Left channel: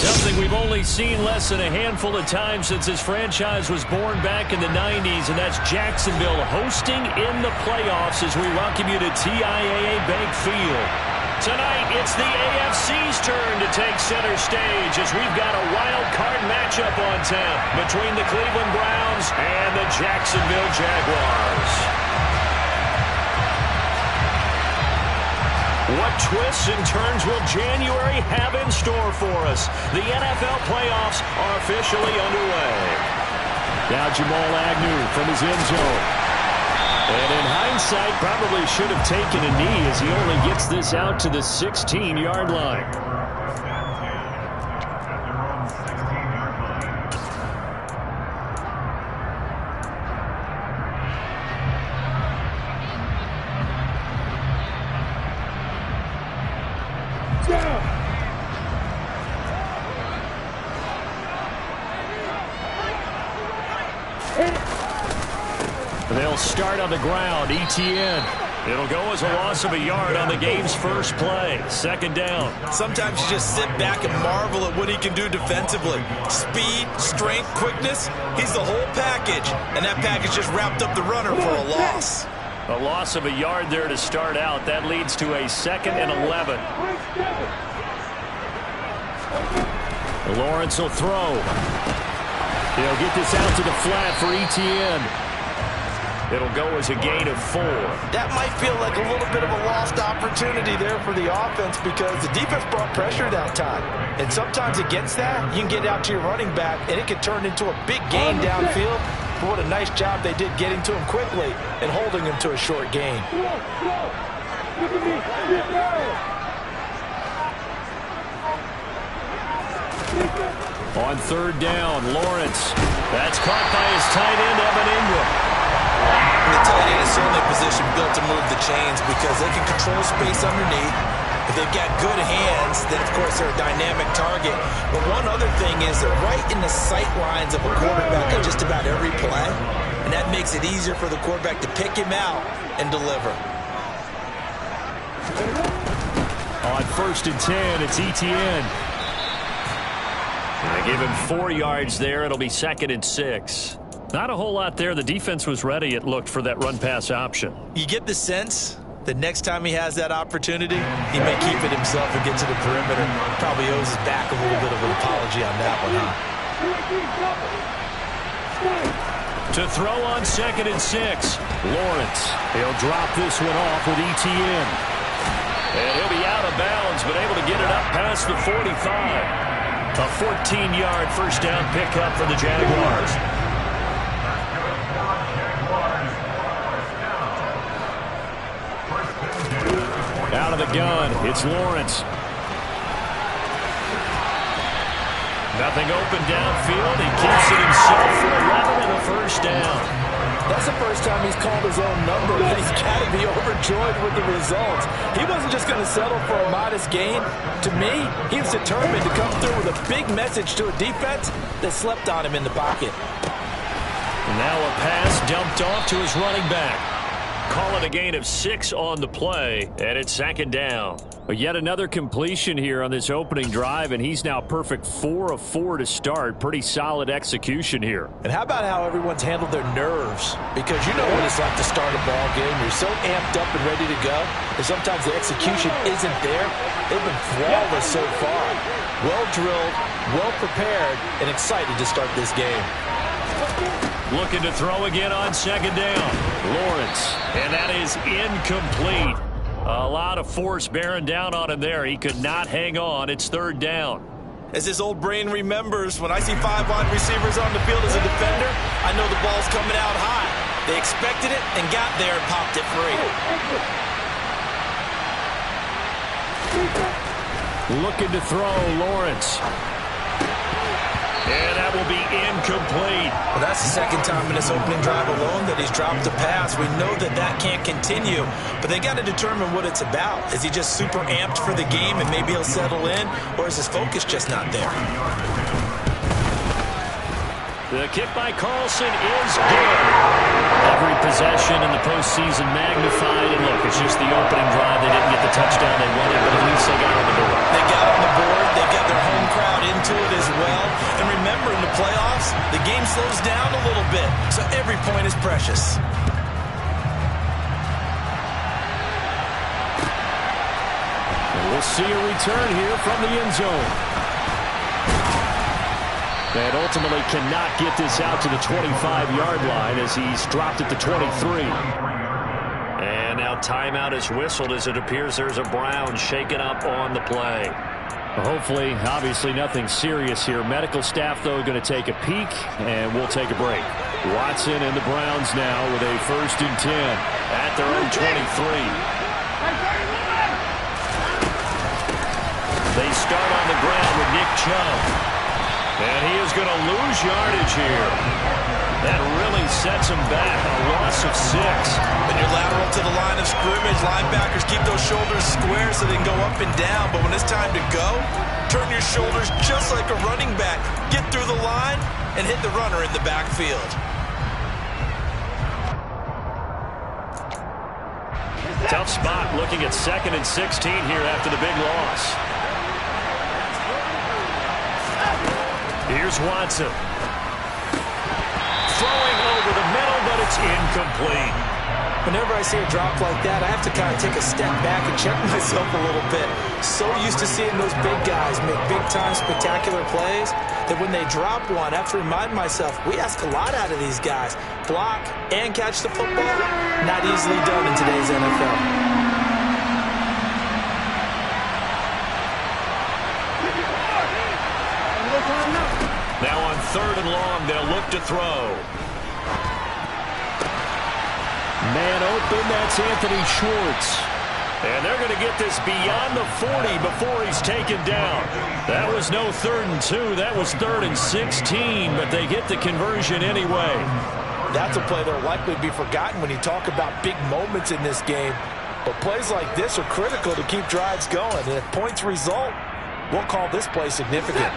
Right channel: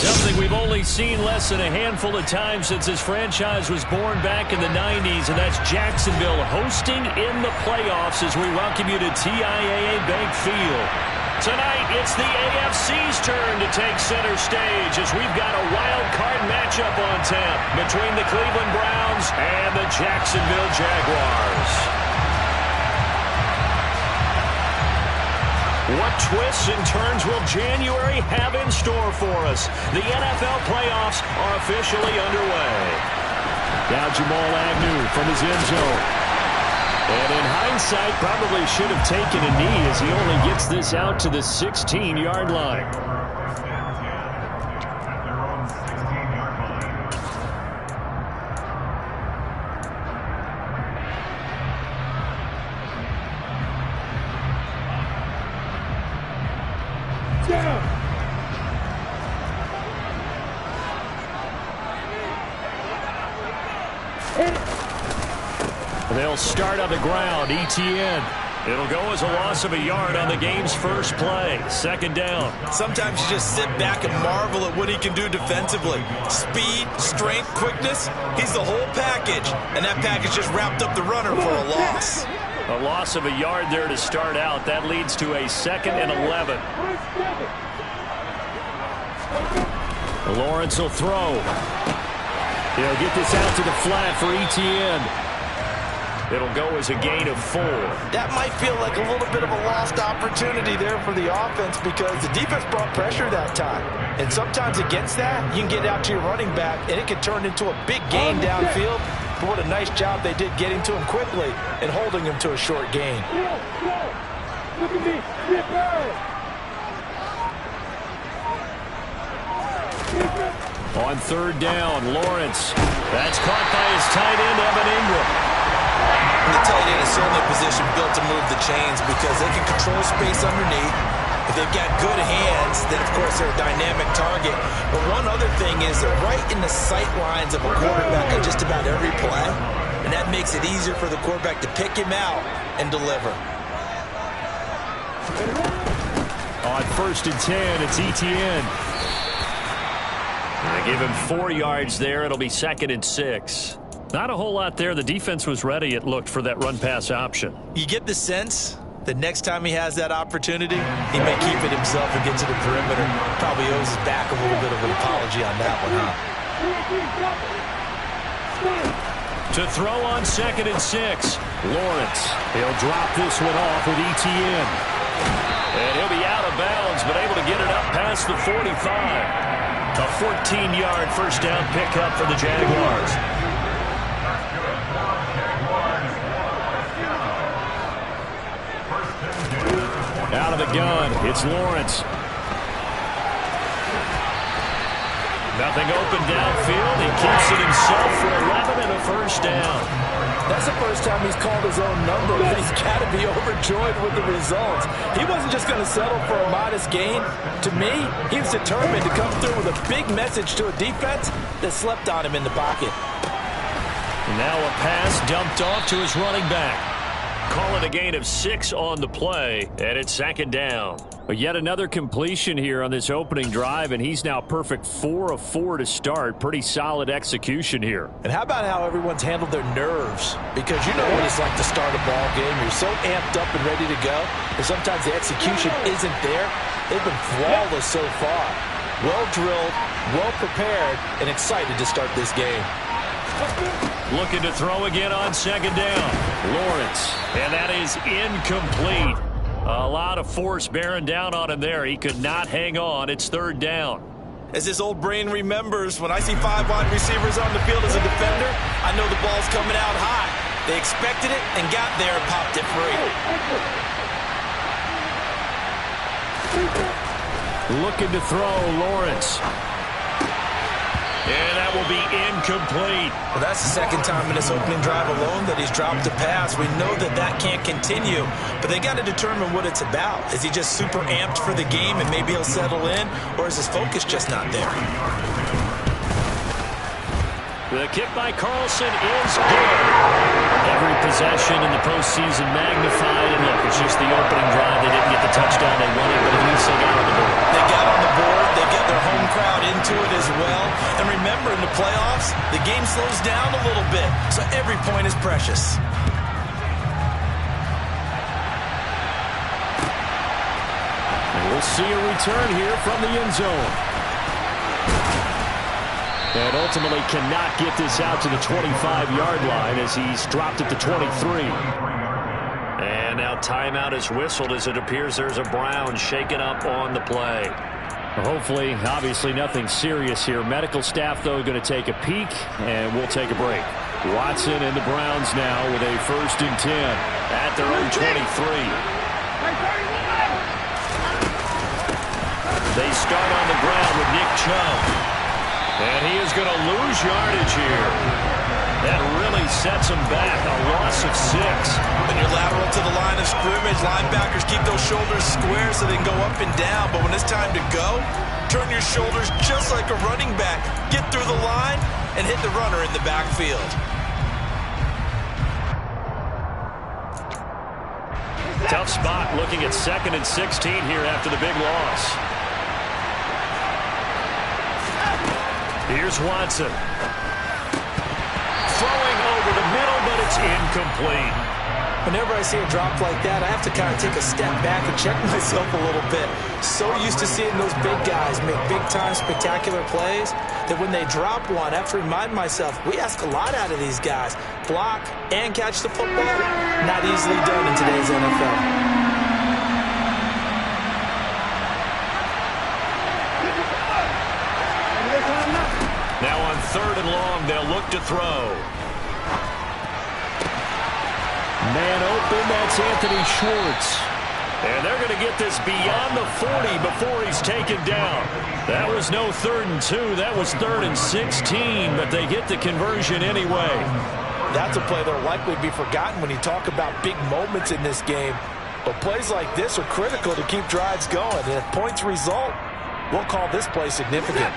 Something we've only seen less than a handful of times since this franchise was born back in the 90s, and that's Jacksonville hosting in the playoffs as we welcome you to TIAA Bank Field. Tonight, it's the AFC's turn to take center stage as we've got a wild card matchup on tap between the Cleveland Browns and the Jacksonville Jaguars. What twists and turns will January have in store for us? The NFL playoffs are officially underway. Now Jamal Agnew from his end zone. And in hindsight, probably should have taken a knee as he only gets this out to the 16-yard line. They'll start on the ground. ETN. It'll go as a loss of a yard on the game's first play. Second down. Sometimes you just sit back and marvel at what he can do defensively. Speed, strength, quickness. He's the whole package. And that package just wrapped up the runner for a loss. A loss of a yard there to start out. That leads to a 2nd and 11. Lawrence will throw. He'll get this out to the flat for ETN. It'll go as a gain of 4. That might feel like a little bit of a lost opportunity there for the offense because the defense brought pressure that time. And sometimes against that, you can get out to your running back, and it can turn into a big gain downfield. But what a nice job they did getting to him quickly and holding him to a short gain. Look at me. On 3rd down, Lawrence. That's caught by his tight end, Evan Ingram. The tight end is certainly a position built to move the chains because they can control space underneath. If they've got good hands, then, of course, they're a dynamic target. But one other thing is they're right in the sight lines of a quarterback on just about every play, and that makes it easier for the quarterback to pick him out and deliver. On 1st and 10, it's ETN. They give him 4 yards there. It'll be 2nd and 6. Not a whole lot there. The defense was ready, it looked, for that run-pass option. You get the sense that next time he has that opportunity, he may keep it himself and get to the perimeter. Probably owes his back a little bit of an apology on that one, huh? To throw on 2nd and 6, Lawrence. He'll drop this one off with ETN. And he'll be out of bounds, but able to get it up past the 45. A 14-yard first down pickup for the Jaguars. Out of the gun, it's Lawrence. Nothing open downfield. He keeps it himself for 11 and a first down. That's the first time he's called his own number, and he's got to be overjoyed with the results. He wasn't just going to settle for a modest gain. To me, he was determined to come through with a big message to a defense that slept on him in the pocket. And now a pass dumped off to his running back. Call it a gain of 6 on the play, and it's 2nd down. But yet another completion here on this opening drive, and he's now perfect 4 of 4 to start. Pretty solid execution here. And how about how everyone's handled their nerves? Because you know what it's like to start a ball game. You're so amped up and ready to go, and sometimes the execution isn't there. They've been flawless so far. Well drilled, well prepared, and excited to start this game. Looking to throw again on 2nd down. Lawrence, and that is incomplete. A lot of force bearing down on him there. He could not hang on. It's 3rd down. As his old brain remembers, when I see 5 wide receivers on the field as a defender, I know the ball's coming out high. They expected it and got there and popped it free. Looking to throw, Lawrence. And that will be incomplete. Well, that's the 2nd time in this opening drive alone that he's dropped a pass. We know that that can't continue, but they got to determine what it's about. Is he just super amped for the game and maybe he'll settle in, or is his focus just not there? The kick by Carlson is good. Every possession in the postseason magnified. And look, it's just the opening drive. They didn't get the touchdown they wanted, but at least they got on the board. They got on the board. They got their home crowd in to it as well. And remember, in the playoffs, the game slows down a little bit, so every point is precious. And we'll see a return here from the end zone. And ultimately cannot get this out to the 25-yard line as he's dropped at the 23. And now timeout is whistled as it appears there's a Brown shaken up on the play. Hopefully, obviously nothing serious here. Medical staff, though, going to take a peek, and we'll take a break. Watson and the Browns now with a 1st and 10 at their own 23. They start on the ground with Nick Chubb. And he is going to lose yardage here. That really sets him back. A loss of 6. When you're lateral to the line of scrimmage, linebackers keep those shoulders square so they can go up and down. But when it's time to go, turn your shoulders just like a running back. Get through the line and hit the runner in the backfield. Tough spot looking at 2nd and 16 here after the big loss. Here's Watson. Throwing over the middle, but it's incomplete. Whenever I see a drop like that, I have to kind of take a step back and check myself a little bit. So used to seeing those big guys make big-time spectacular plays that when they drop one, I have to remind myself, we ask a lot out of these guys. Block and catch the football, not easily done in today's NFL. Now on 3rd and long, they'll look to throw. Man open, that's Anthony Schwartz. And they're going to get this beyond the 40 before he's taken down. That was no 3rd and 2. That was 3rd and 16, but they get the conversion anyway. That's a play that will likely be forgotten when you talk about big moments in this game. But plays like this are critical to keep drives going. And if points result, we'll call this play significant.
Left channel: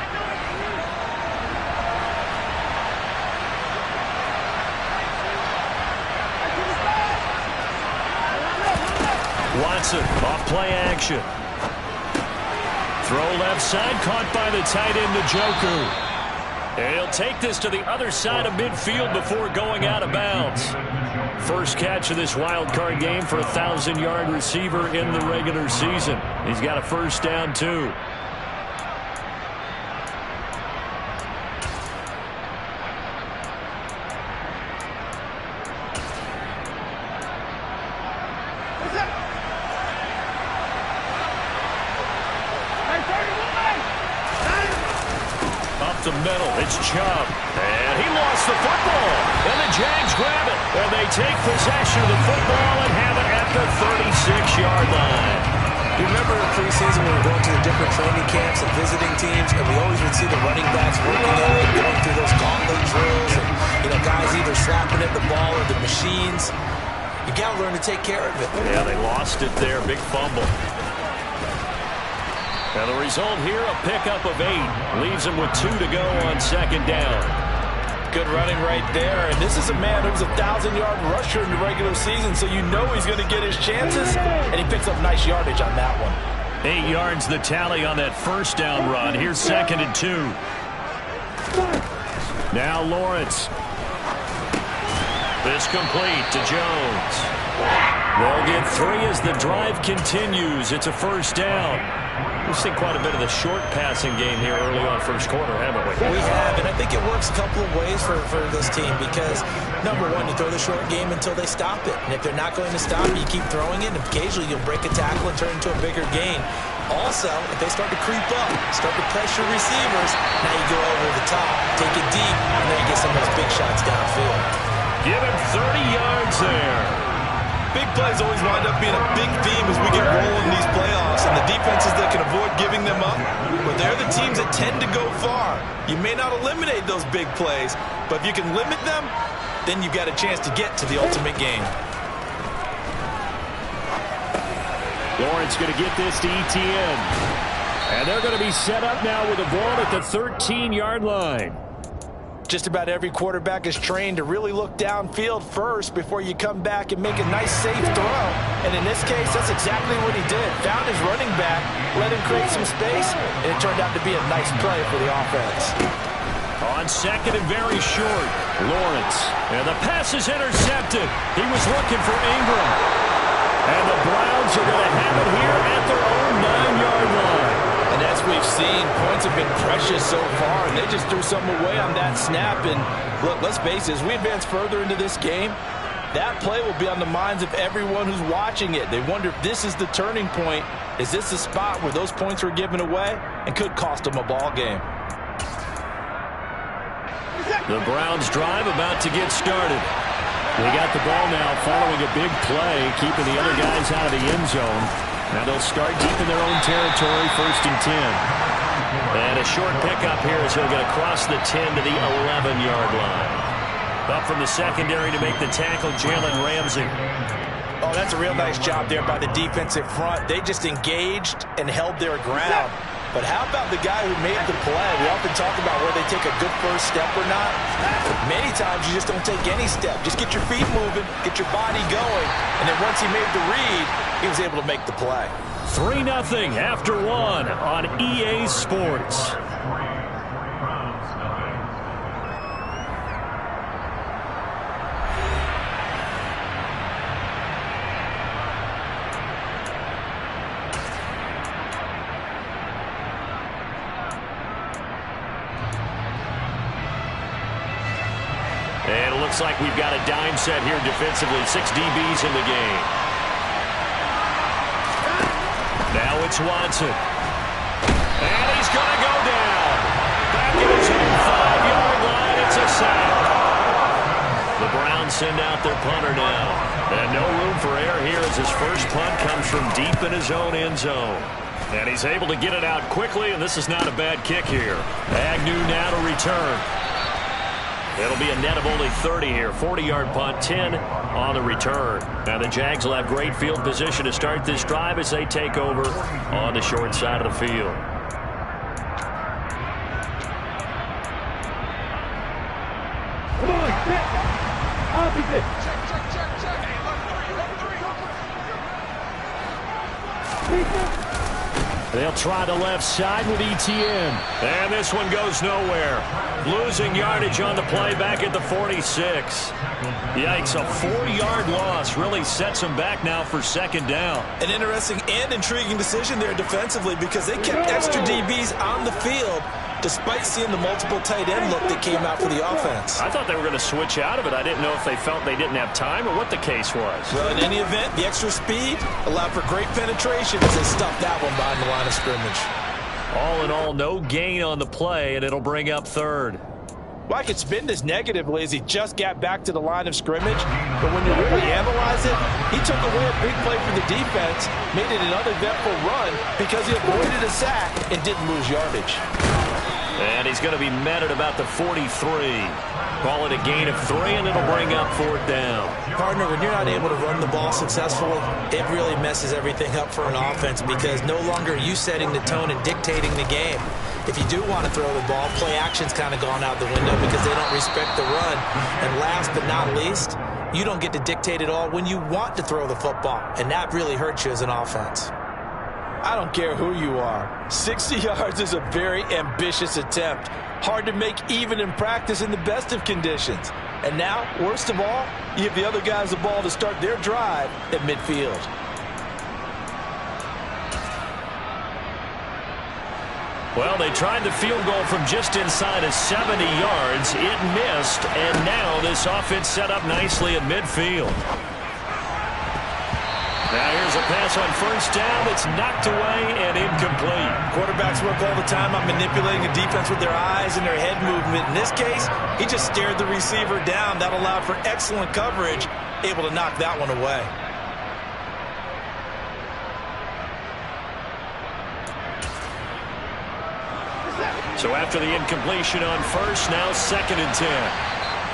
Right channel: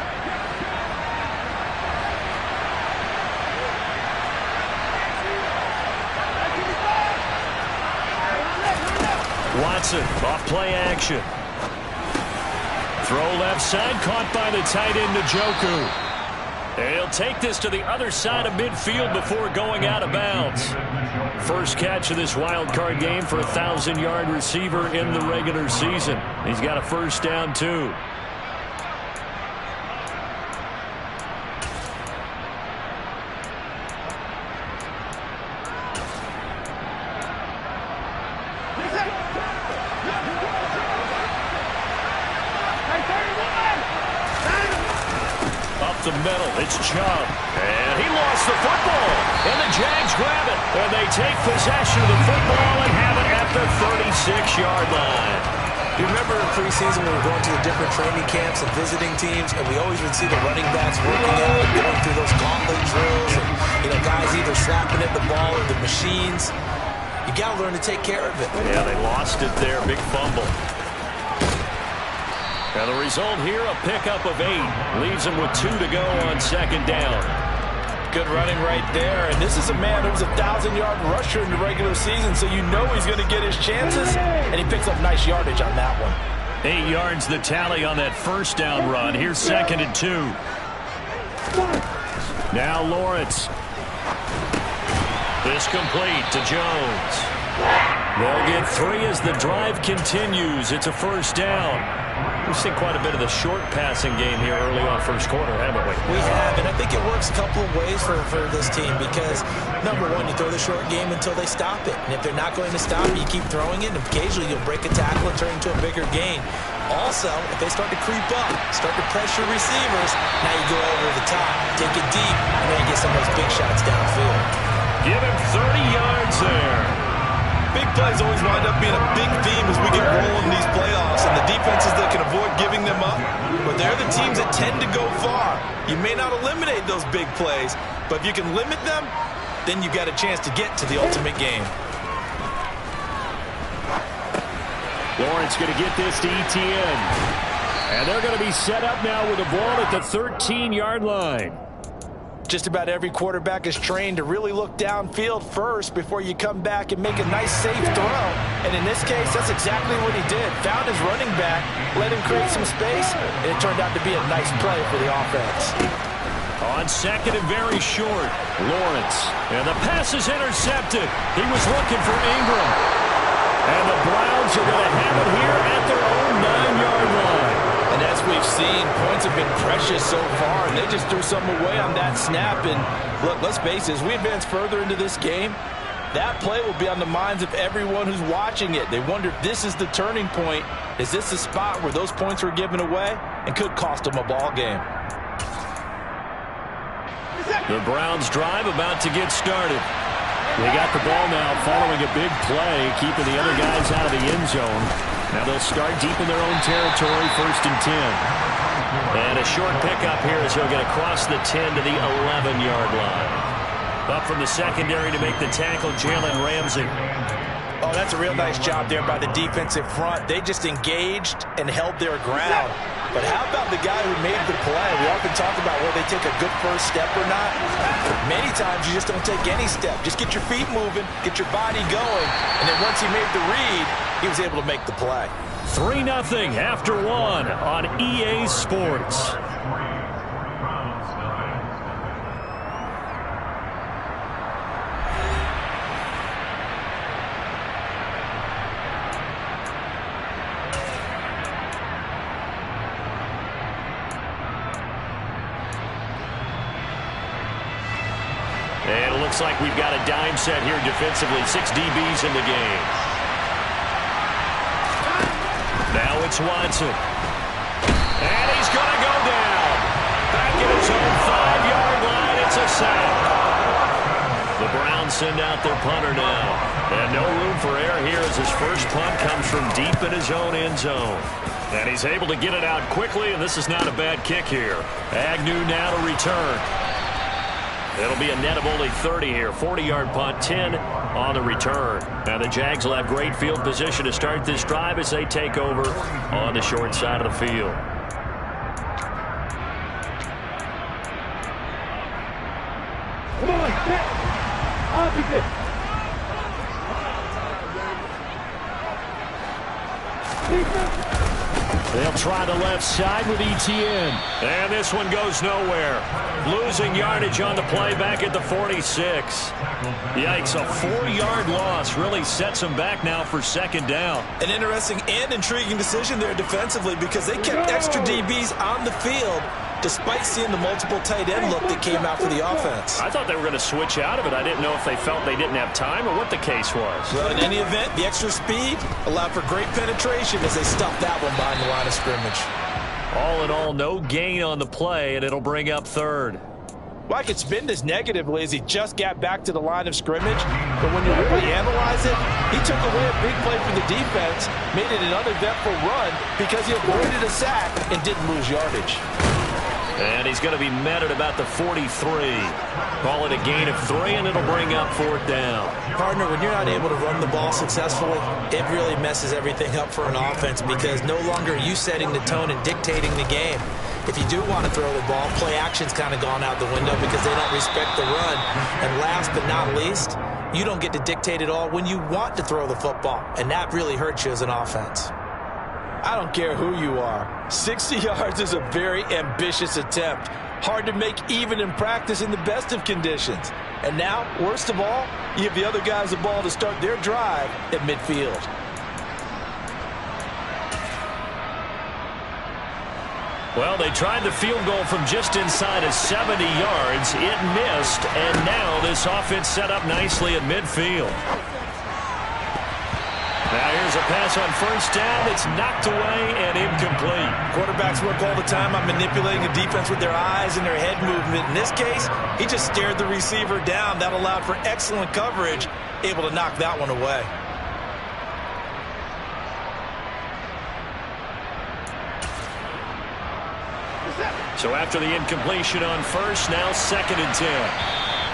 Watson off play action. Throw left side, caught by the tight end Njoku. And he'll take this to the other side of midfield before going out of bounds. First catch of this wild card game for a 1,000-yard receiver in the regular season. He's got a 1st down, too. The middle, it's Chubb, and he lost the football, and the Jags grab it, and they take possession of the football and have it at the 36-yard line. Do you remember in preseason when we were going to the different training camps and visiting teams, and we always would see the running backs working out and going through those gauntlet drills, and guys either slapping at the ball or the machines. You got to learn to take care of it. Yeah, they lost it there, big fumble. Now the result here, a pickup of 8. Leaves him with 2 to go on 2nd down. Good running right there. And this is a man who was a 1,000-yard rusher in the regular season, so you know he's going to get his chances. And he picks up nice yardage on that one. 8 yards the tally on that 1st down run. Here's 2nd and 2. Now Lawrence. This complete to Jones. They'll get 3 as the drive continues. It's a 1st down. We've seen quite a bit of the short passing game here early on 1st quarter, haven't we? We have, and I think it works a couple of ways for this team because, number one, you throw the short game until they stop it. And if they're not going to stop it, you keep throwing it, and occasionally you'll break a tackle and turn into a bigger gain. Also, if they start to creep up, start to pressure receivers, now you go over the top, take it deep, and then you get some of those big shots downfield. Give him 30 yards there. Big plays always wind up being a big theme as we get rolling in these playoffs, and the defenses that can avoid giving them up, but they're the teams that tend to go far. You may not eliminate those big plays, but if you can limit them, then you've got a chance to get to the ultimate game. Lawrence going to get this to Etienne. And they're going to be set up now with the ball at the 13-yard line. Just about every quarterback is trained to really look downfield first before you come back and make a nice, safe throw. And in this case, that's exactly what he did. Found his running back, let him create some space, and it turned out to be a nice play for the offense. On second and very short, Lawrence. And the pass is intercepted. He was looking for Ingram. And the Browns are going to have it here at their own 9-yard line. And as we've seen, points have been precious so far, and they just threw some away on that snap. And look, let's face it, as we advance further into this game, that play will be on the minds of everyone who's watching it. They wonder if this is the turning point. Is this the spot where those points were given away and could cost them a ball game? The Browns drive about to get started. They got the ball now following a big play, keeping the other guys out of the end zone. Now they'll start deep in their own territory, 1st and 10. And a short pickup here as he'll get across the 10 to the 11-yard line. Up from the secondary to make the tackle, Jalen Ramsey. Oh, that's a real nice job there by the defensive front. They just engaged and held their ground. But how about the guy who made the play? We often talk about whether they take a good first step or not. Many times you just don't take any step. Just get your feet moving, get your body going, and then once he made the read, he was able to make the play. 3-0 after 1 on EA Sports. And it looks like we've got a dime set here defensively. 6 DBs in the game. Now it's Watson. And he's going to go down. Back at his own 5-yard line. It's a sack. The Browns send out their punter now. And no room for error here as his first punt comes from deep in his own end zone. And he's able to get it out quickly, and this is not a bad kick here. Agnew now to return. It'll be a net of only 30 here. 40-yard punt, 10 on the return. Now the Jags will have great field position to start this drive as they take over on the short side of the field. Come on, set. Opposite. They'll try the left side with ETN. And this one goes nowhere. Losing yardage on the play back at the 46. Yikes, a 4-yard loss really sets them back now for 2nd down. An interesting and intriguing decision there defensively because they kept extra DBs on the field despite seeing the multiple tight end look that came out for the offense. I thought they were going to switch out of it. I didn't know if they felt they didn't have time or what the case was. Well, in any event, the extra speed allowed for great penetration as they stuffed that one behind the line of scrimmage. All in all, no gain on the play, and it'll bring up 3rd. Well, I could spin this negatively as he just got back to the line of scrimmage, but when you really analyze it, he took away a big play for the defense, made it an uneventful run because he avoided a sack and didn't lose yardage. And he's going to be met at about the 43. Call it a gain of 3, and it'll bring up 4th down. Partner, when you're not able to run the ball successfully, it really messes everything up for an offense because no longer are you setting the tone and dictating the game. If you do want to throw the ball, play action's kind of gone out the window because they don't respect the run. And last but not least, you don't get to dictate it all when you want to throw the football, and that really hurts you as an offense. I don't care who you are. 60 yards is a very ambitious attempt. Hard to make even in practice in the best of conditions. And now, worst of all, you give the other guys the ball to start their drive at midfield. Well, they tried the field goal from just inside of 70 yards. It missed, and now this offense set up nicely at midfield. Now here's a pass on 1st down that's knocked away and incomplete. Quarterbacks work all the time on manipulating a defense with their eyes and their head movement. In this case, he just stared the receiver down. That allowed for excellent coverage, able to knock that one away. So after the incompletion on 1st, now 2nd and 10.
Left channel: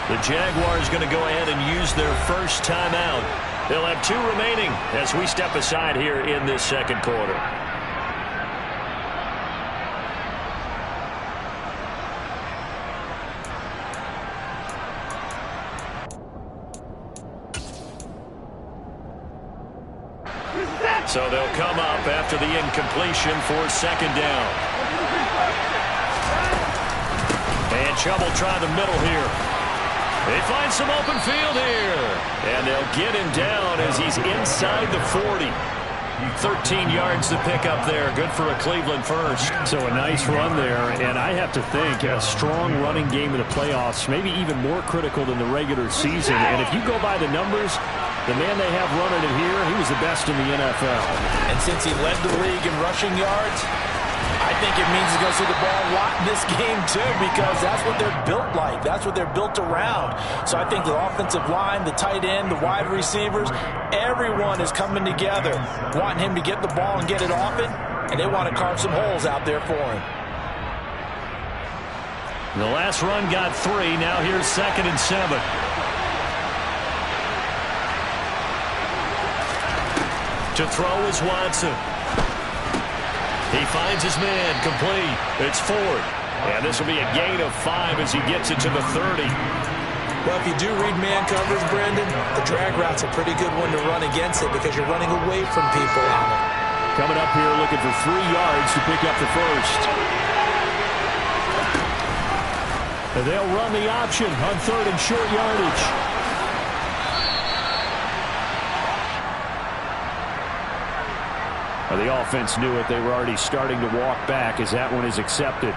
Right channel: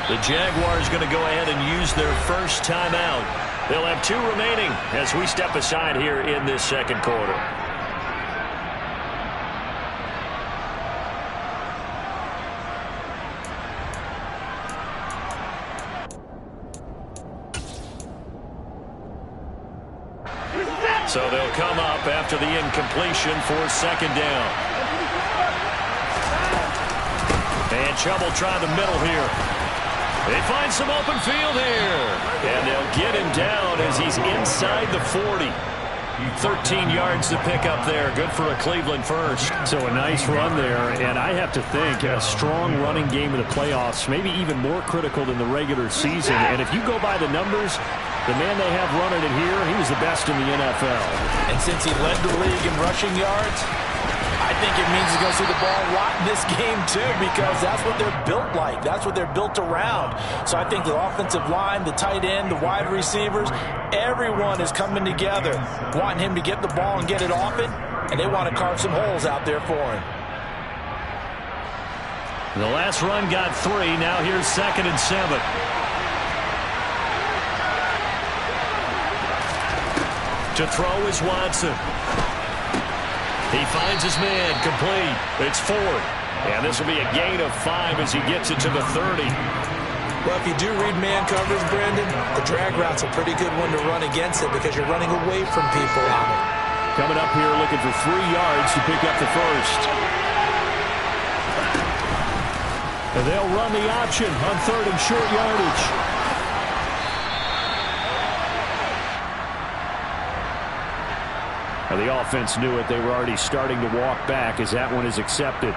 The Jaguars going to go ahead and use their first timeout. They'll have 2 remaining as we step aside here in this 2nd quarter. So they'll come up after the incompletion for second down. And Chubb will try the middle here. They find some open field here. And they'll get him down as he's inside the 40. 13 yards to pick up there. Good for a Cleveland first. So a nice run there, and I have to think a strong running game in the playoffs, maybe even more critical than the regular season. And if you go by the numbers, the man they have running it here, he was the best in the NFL. And since he led the league in rushing yards, I think it means he's going to see the ball a lot in this game, too, because that's what they're built like. That's what they're built around. So I think the offensive line, the tight end, the wide receivers, everyone is coming together, wanting him to get the ball and get it often, and they want to carve some holes out there for him. The last run got 3. Now here's 2nd and 7. To throw is Watson. He finds his man, complete. It's Ford. And this will be a gain of 5 as he gets it to the 30. Well, if you do read man coverage, Brandon, the drag route's a pretty good one to run against it because you're running away from people on it. Coming up here looking for 3 yards to pick up the first. And they'll run the option on 3rd and short yardage. The offense knew it. They were already starting to walk back as that one is accepted.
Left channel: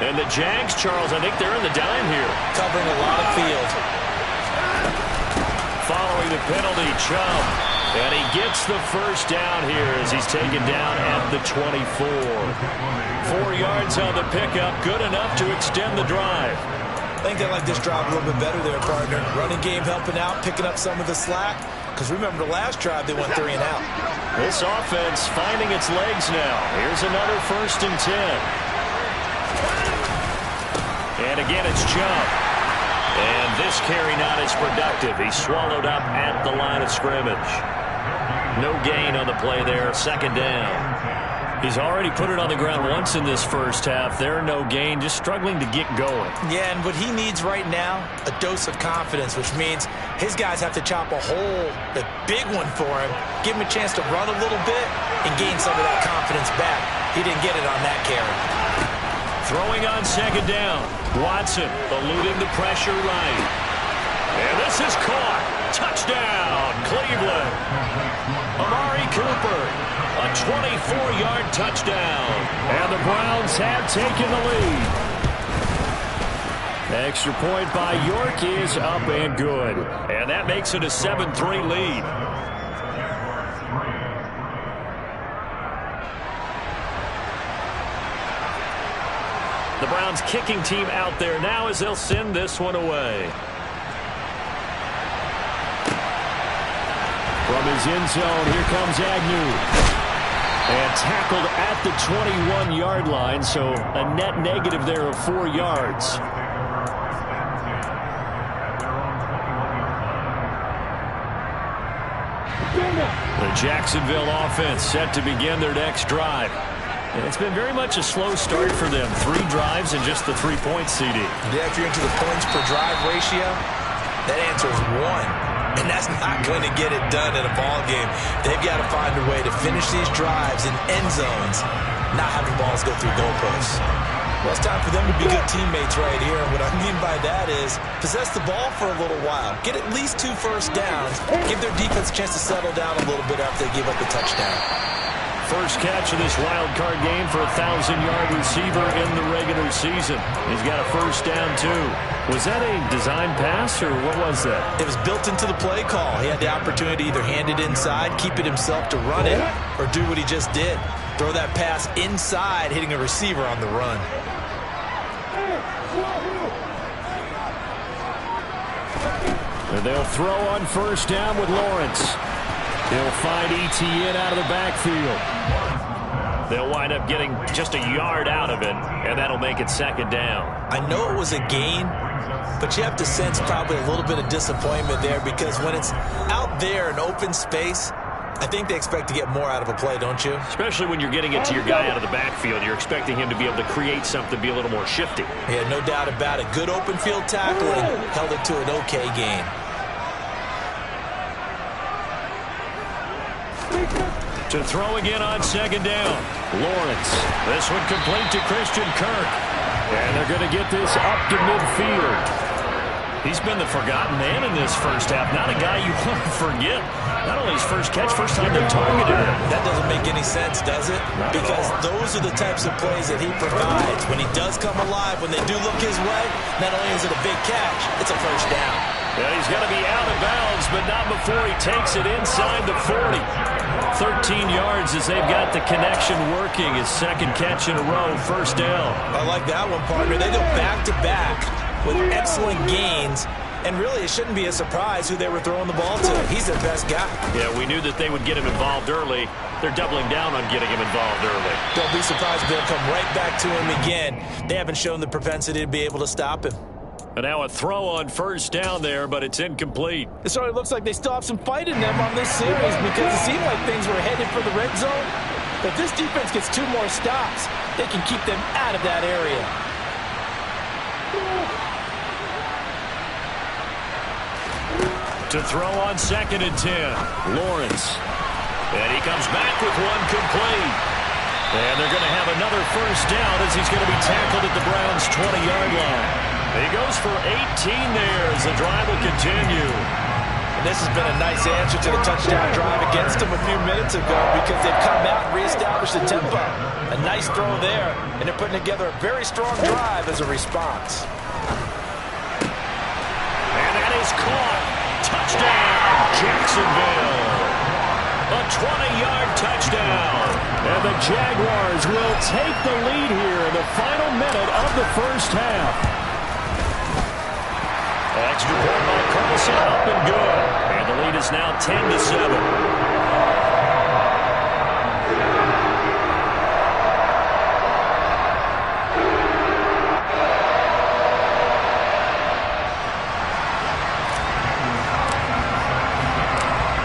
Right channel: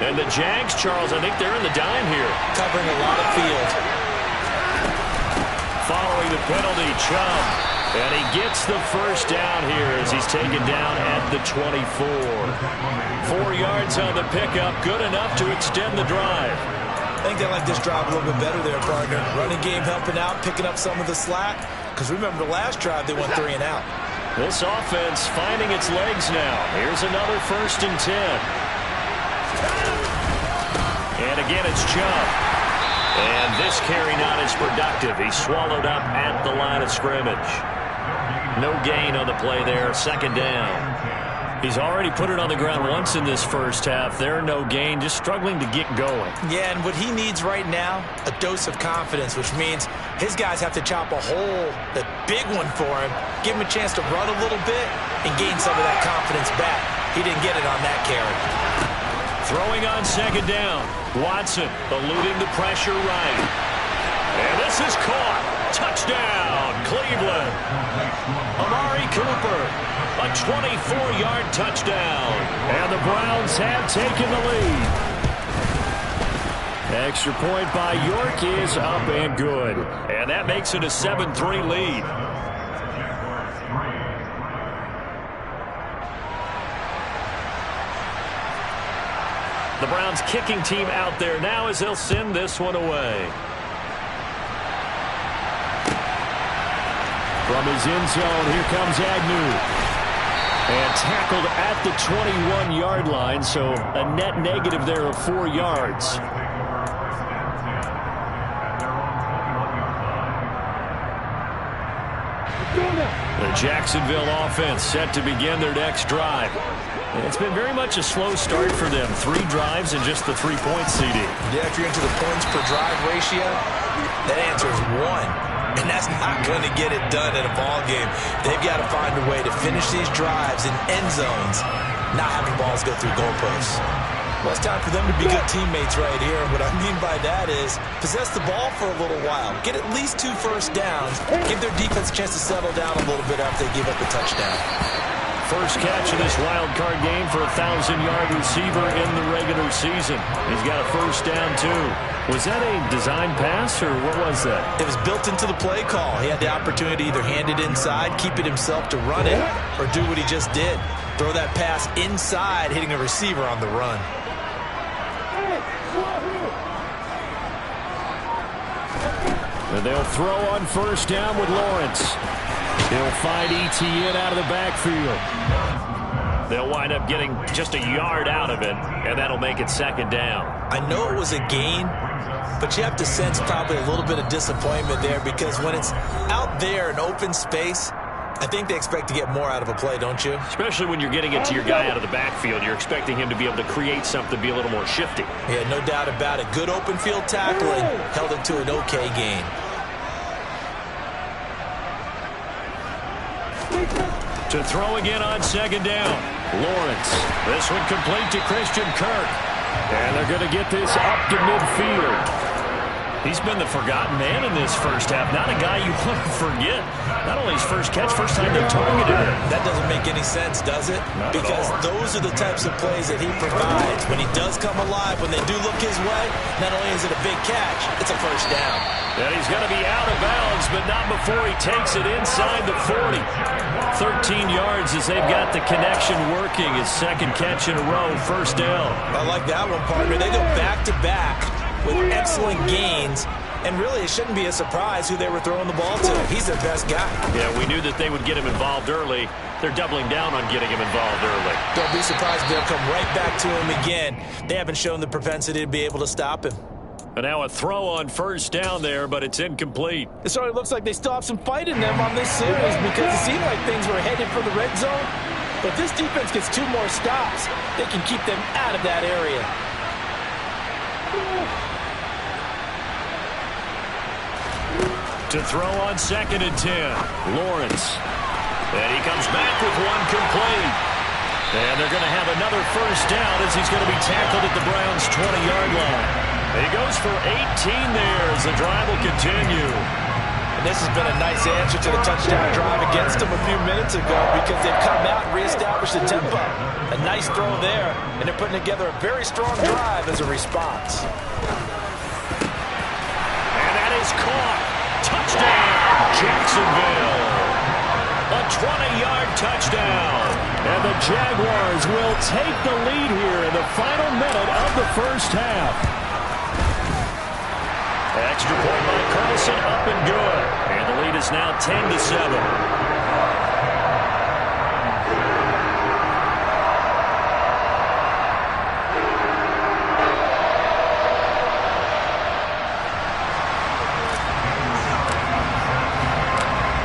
And the Jags, Charles, I think they're in the dime here. Covering a lot of field. Following the penalty, Chubb. And he gets the first down here as he's taken down at the 24. 4 yards on the pickup, good enough to extend the drive. I think they like this drive a little bit better there, partner. Running game helping out, picking up some of the slack. Because remember, the last drive, they went 3 and out. This offense finding its legs now. Here's another 1st and 10. And again, it's Chubb. And this carry not as productive. He's swallowed up at the line of scrimmage. No gain on the play there, 2nd down. He's already put it on the ground once in this first half. There, no gain, just struggling to get going. Yeah, and what he needs right now, a dose of confidence, which means his guys have to chop a hole, a big one for him, give him a chance to run a little bit and gain some of that confidence back. He didn't get it on that carry. Throwing on 2nd down. Watson eluding the pressure right. And this is caught. Touchdown, Cleveland. Amari Cooper, a 24-yard touchdown. And the Browns have taken the lead. Extra point by York is up and good. And that makes it a 7-3 lead. The Browns kicking team out there now as they'll send this one away. From his end zone, here comes Agnew. And tackled at the 21-yard line, so a net negative there of 4 yards. The Jacksonville offense set to begin their next drive. And it's been very much a slow start for them. 3 drives and just the 3-point CD. Yeah, if you're into the points per drive ratio, that answer is 1. And that's not going to get it done in a ball game. They've got to find a way to finish these drives in end zones, not having balls go through goalposts. Well, it's time for them to be good teammates right here. And what I mean by that is possess the ball for a little while. Get at least 2 first downs. Give their defense a chance to settle down a little bit after they give up the touchdown. First catch of this wild card game for a 1,000-yard receiver in the regular season. He's got a first down, too. Was that a design pass, or what was that? It was built into the play call. He had the opportunity to either hand it inside, keep it himself to run it, or do what he just did. Throw that pass inside, hitting a receiver on the run. And they'll throw on first down with Lawrence. He'll find ETN out of the backfield. They'll wind up getting just a yard out of it, and that'll make it 2nd down. I know it was a gain, but you have to sense probably a little bit of disappointment there because when it's out there in open space, I think they expect to get more out of a play, don't you? Especially when you're getting it to your guy out of the backfield. You're expecting him to be able to create something, be a little more shifty. Yeah, no doubt about it. Good open field tackling, held it to an okay gain. To throw again on second down. Lawrence. This one complete to Christian Kirk. And they're going to get this up to midfield. He's been the forgotten man in this first half. Not a guy you want to forget. Not only his first catch, first time they targeted him. That doesn't make any sense, does it? Not because those are the types of plays that he provides. When he does come alive, when they do look his way, not only is it a big catch, it's a first down. And he's going to be out of bounds, but not before he takes it inside the 40. 13 yards as they've got the connection working. His second catch in a row, first down. I like that one, partner. They go back-to-back with excellent gains, and really it shouldn't be a surprise who they were throwing the ball to. He's their best guy. Yeah, we knew that they would get him involved early. They're doubling down on getting him involved early. Don't be surprised if they'll come right back to him again. They haven't shown the propensity to be able to stop him. And now a throw on first down there, but it's incomplete. It certainly looks like they still have some fight in them on this series because it seemed like things were headed for the red zone. But if this defense gets 2 more stops, they can keep them out of that area. To throw on second and 10. Lawrence. And he comes back with one complete. And they're going to have another first down as he's going to be tackled at the Browns' 20-yard line. He goes for 18 there as the drive will continue. And this has been a nice answer to the touchdown drive against them a few minutes ago because they've come out and reestablished the tempo. A nice throw there, and they're putting together a very strong drive as a response. And that is caught. Touchdown, Jacksonville. A 20-yard touchdown. And the Jaguars will take the lead here in the final minute of the first half. Extra point by Carlson, up and good. And the lead is now 10-7.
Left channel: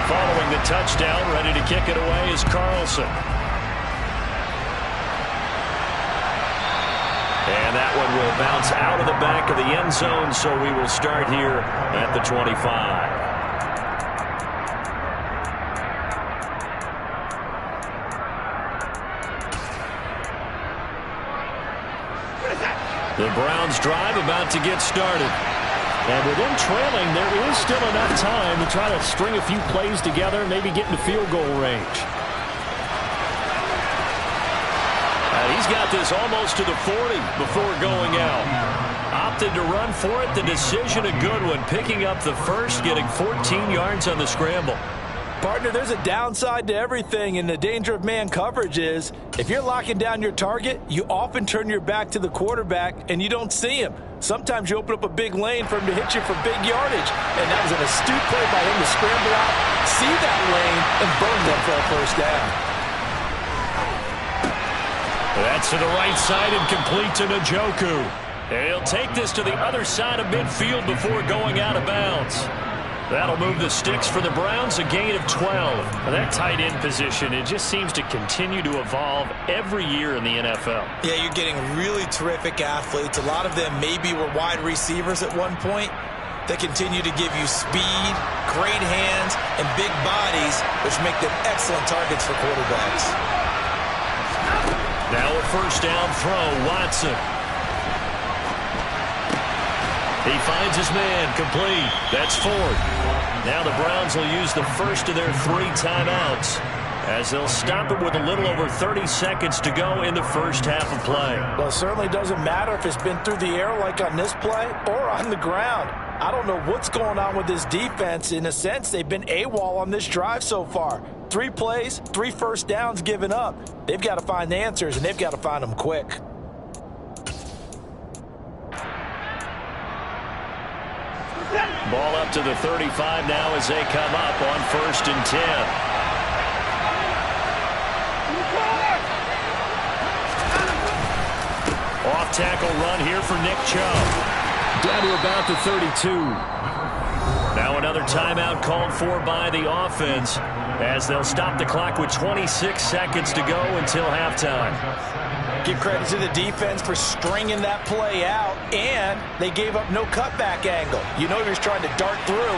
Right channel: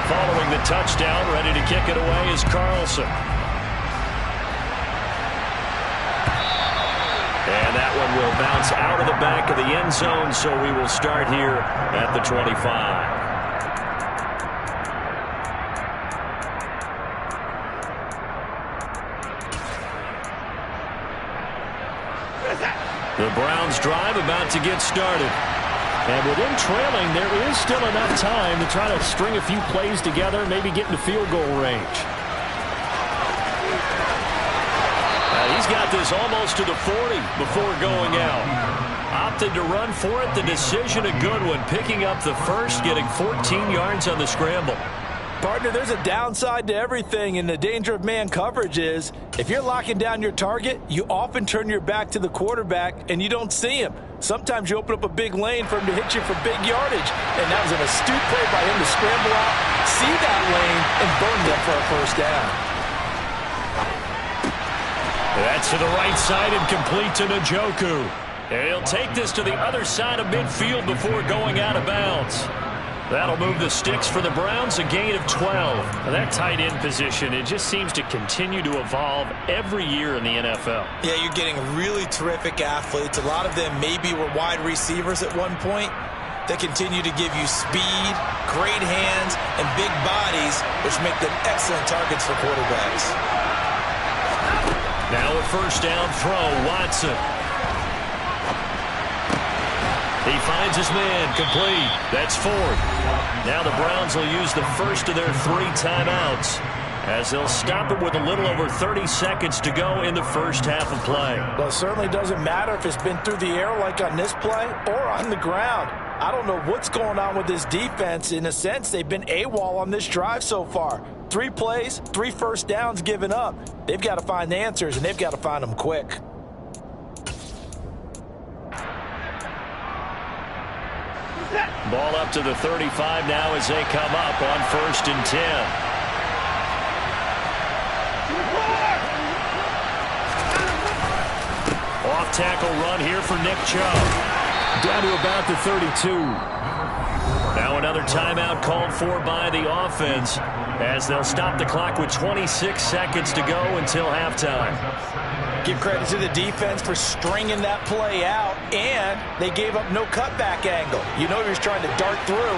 Following the touchdown, ready to kick it away is Carlson. And that one will bounce out of the back of the end zone, so we will start here at the 25. The Browns drive about to get started. And with them trailing, there is still enough time to try to string a few plays together, maybe get into field goal range. He's got this almost to the 40 before going out. Opted to run for it. The decision a good one. Picking up the first, getting 14 yards on the scramble. Partner, there's a downside to everything, and the danger of man coverage is if you're locking down your target, you often turn your back to the quarterback and you don't see him. Sometimes you open up a big lane for him to hit you for big yardage, and that was an astute play by him to scramble out, see that lane, and burn them for a first down. That's to the right side and complete to Njoku. And he'll take this to the other side of midfield before going out of bounds. That'll move the sticks for the Browns, a gain of 12. Now that tight end position, it just seems to continue to evolve every year in the NFL. Yeah, you're getting really terrific athletes. A lot of them maybe were wide receivers at one point. They continue to give you speed, great hands, and big bodies, which make them excellent targets for quarterbacks. Now a first down throw, Watson. He finds his man, complete. That's Ford. Now the Browns will use the first of their 3 timeouts as they'll stop it with a little over 30 seconds to go in the first half of play. Well, it certainly doesn't matter if it's been through the air like on this play or on the ground. I don't know what's going on with this defense. In a sense, they've been AWOL on this drive so far. 3 plays, 3 first downs given up. They've got to find the answers, and they've got to find them quick. Ball up to the 35 now as they come up on 1st and 10. Off tackle run here for Nick Chubb. Down to about the 32. Now So another timeout called for by the offense as they'll stop the clock with 26 seconds to go until halftime. Give credit to the defense for stringing that play out, and they gave up no cutback angle. You know he was trying to dart through.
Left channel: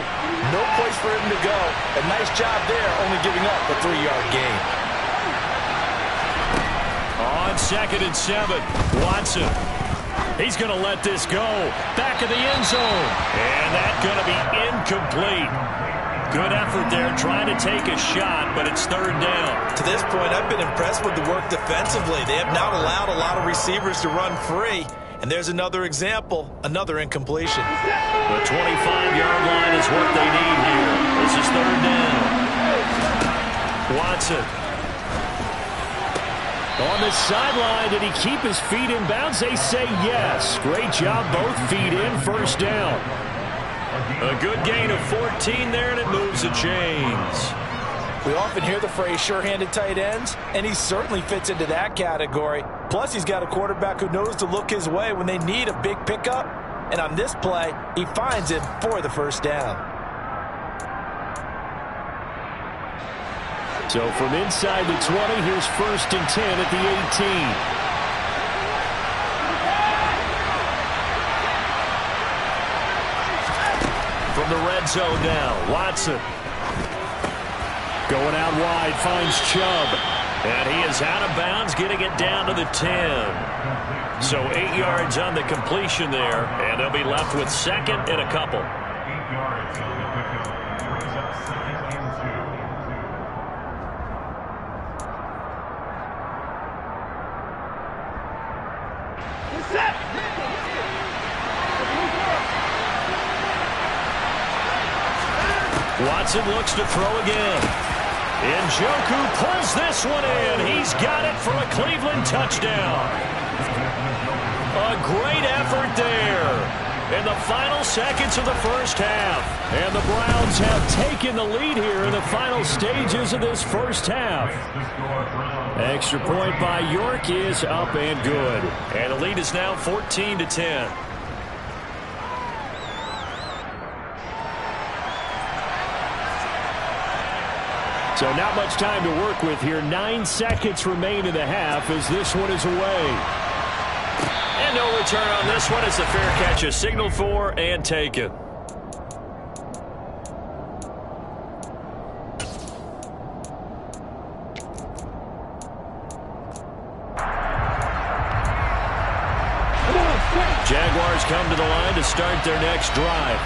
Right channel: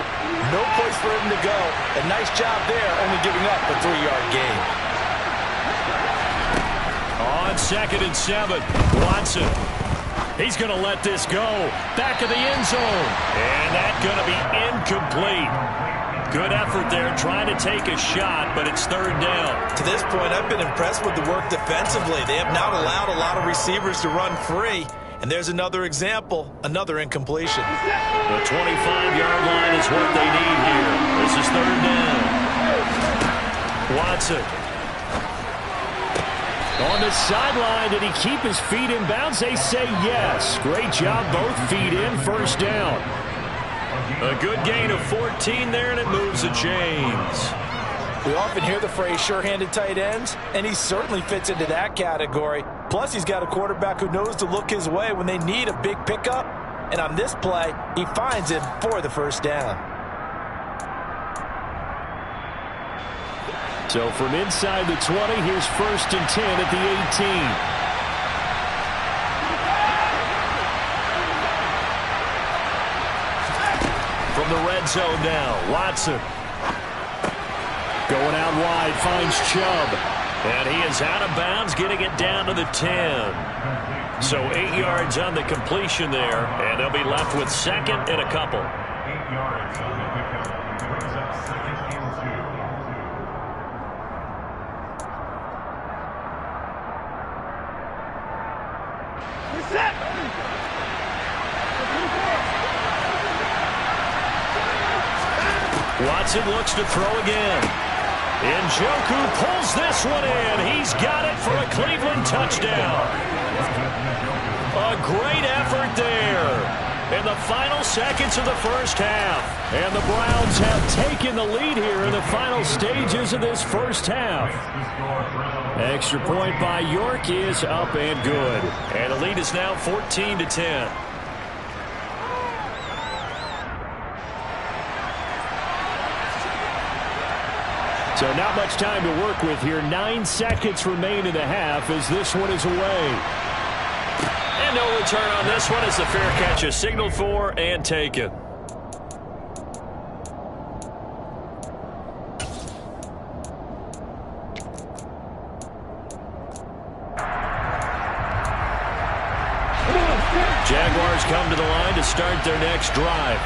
No place for him to go. A nice job there, only giving up a 3-yard gain. On 2nd and 7, Watson. He's going to let this go. Back of the end zone. And that's going to be incomplete. Good effort there trying to take a shot, but it's 3rd down. To this point, I've been impressed with the work defensively. They have not allowed a lot of receivers to run free. And there's another example, another incompletion. The 25-yard line is what they need here. This is 3rd down. Watson. On the sideline, did he keep his feet in bounds? They say yes. Great job, both feet in, 1st down. A good gain of 14 there, and it moves the chains. We often hear the phrase sure-handed tight ends, and he certainly fits into that category. Plus, he's got a quarterback who knows to look his way when they need a big pickup. And on this play, he finds him for the 1st down. So from inside the 20, here's 1st and 10 at the 18. From the red zone now, Watson. Going out wide, finds Chubb. And he is out of bounds, getting it down to the 10. So 8 yards on the completion there, and they'll be left with 2nd and a couple. 8 yards on the pickup. Brings up 2nd and 2. Set! Watson looks to throw again. Njoku pulls this one in. He's got it for a Cleveland touchdown. A great effort there in the final seconds of the 1st half. And the Browns have taken the lead here in the final stages of this 1st half. Extra point by York is up and good. And the lead is now 14-10. So not much time to work with here. 9 seconds remain in the half as this one is away. And no return on this one as the fair catch is signaled for and taken. Jaguars come to the line to start their next drive.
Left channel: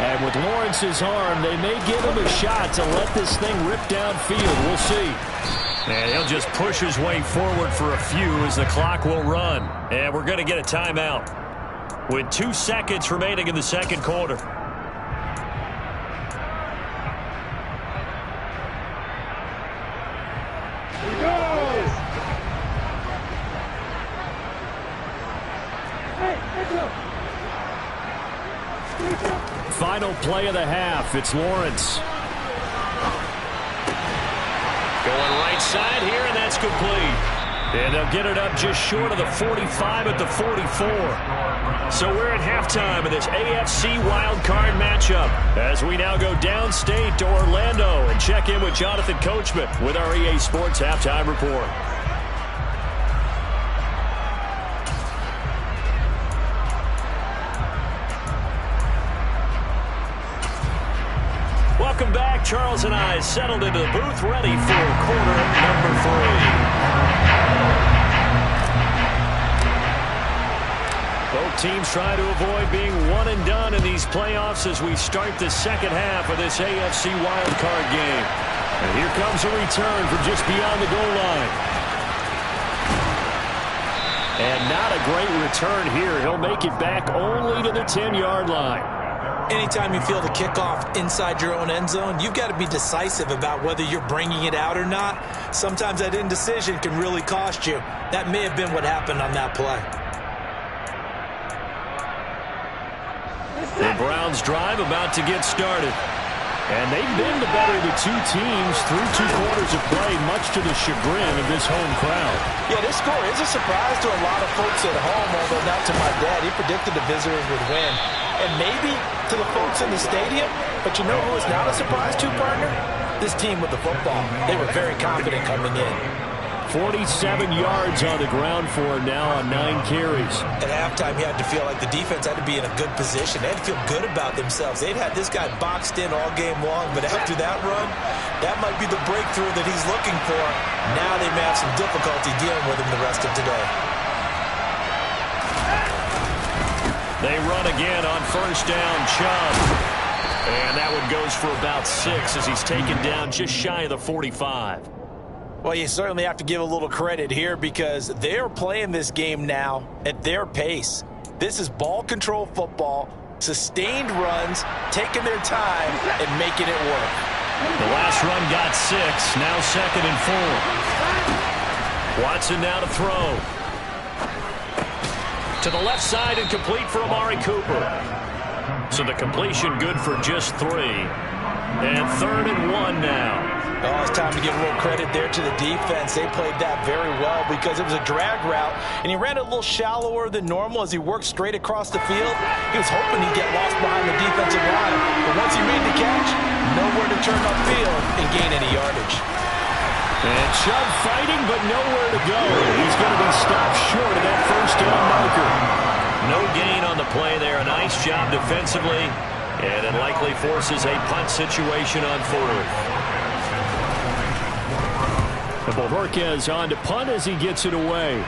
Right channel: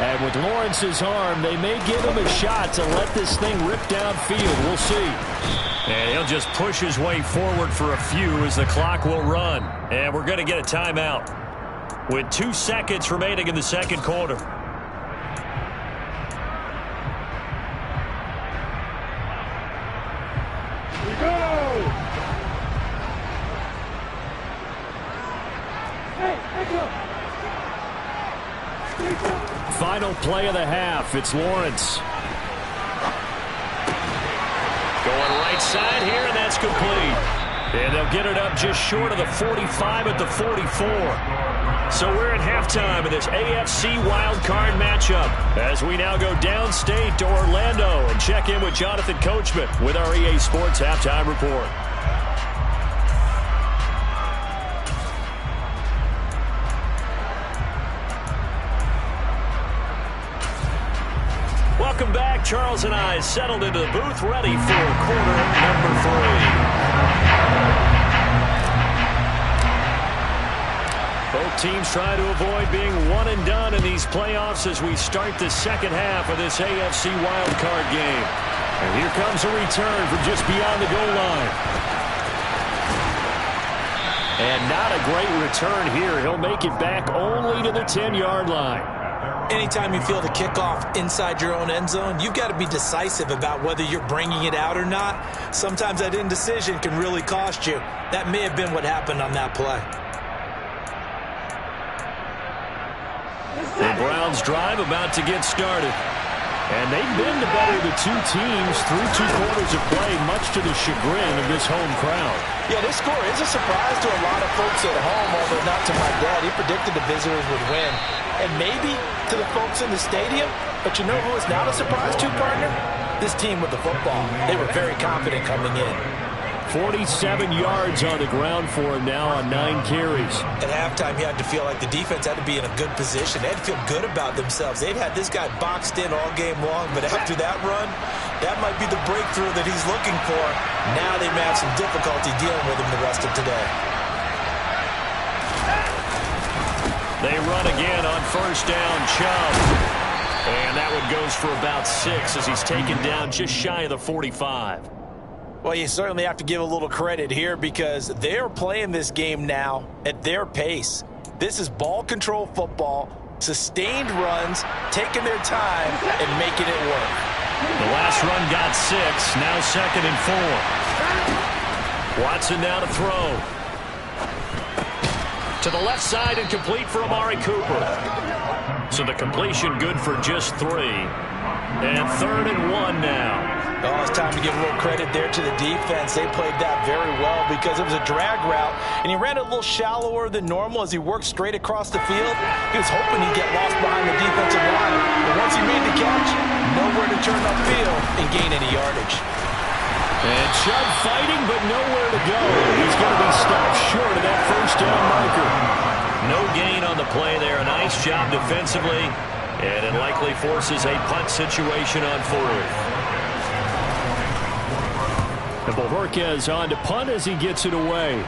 And with Lawrence's arm, they may give him a shot to let this thing rip downfield. We'll see. And he'll just push his way forward for a few as the clock will run. And we're going to get a timeout with 2 seconds remaining in the 2nd quarter. Here we go! Hey, go! Final play of the half. It's Lawrence. Going right side here, and that's complete. And they'll get it up just short of the 45 at the 44. So we're at halftime of this AFC Wildcard matchup as we now go downstate to Orlando and check in with Jonathan Coachman with our EA Sports Halftime Report. Welcome back. Charles and I settled into the booth, ready for quarter number 3. Both teams try to avoid being one and done in these playoffs as we start the 2nd half of this AFC wildcard game. And here comes a return from just beyond the goal line. And not a great return here. He'll make it back only to the 10-yard line. Anytime you feel the kickoff inside your own end zone, you've got to be decisive about whether you're bringing it out or not. Sometimes that indecision can really cost you. That may have been what happened on that play. The Browns drive about to get started. And they've been the better of the 2 teams through 2 quarters of play, much to the chagrin of this home crowd. Yeah, this score is a surprise to a lot of folks at home, although not to my dad. He predicted the visitors would win. And maybe to the folks in the stadium, But you know who is not a surprise to, partner? This team with the football. They were very confident coming in. 47 yards on the ground for him now on 9 carries. At halftime, he had to feel like the defense had to be in a good position. They had to feel good about themselves. They'd had this guy boxed in all game long, but after that run, that might be the breakthrough that he's looking for. Now they may have some difficulty dealing with him the rest of today. They run again on first down, Chubb. And that one goes for about 6 as he's taken down just shy of the 45. Well, you certainly have to give a little credit here because they're playing this game now at their pace. This is ball control football, sustained runs, taking their time, and making it work. The last run got 6, now 2nd and 4. Watson now to throw. To the left side and complete for Amari Cooper. So the completion good for just 3. And 3rd and 1 now. Oh, it's time to give a little credit there to the defense. They played that very well because it was a drag route, and he ran it a little shallower than normal as he worked straight across the field. He was hoping he'd get lost behind the defensive line, but once he made the catch, nowhere to turn upfield and gain any yardage. And Chubb fighting, but nowhere to go. He's going to be stopped short of that first down marker. No gain on the play there. A nice job defensively, and it likely forces a punt situation on 4th. And Bohorquez on to punt as he gets it away.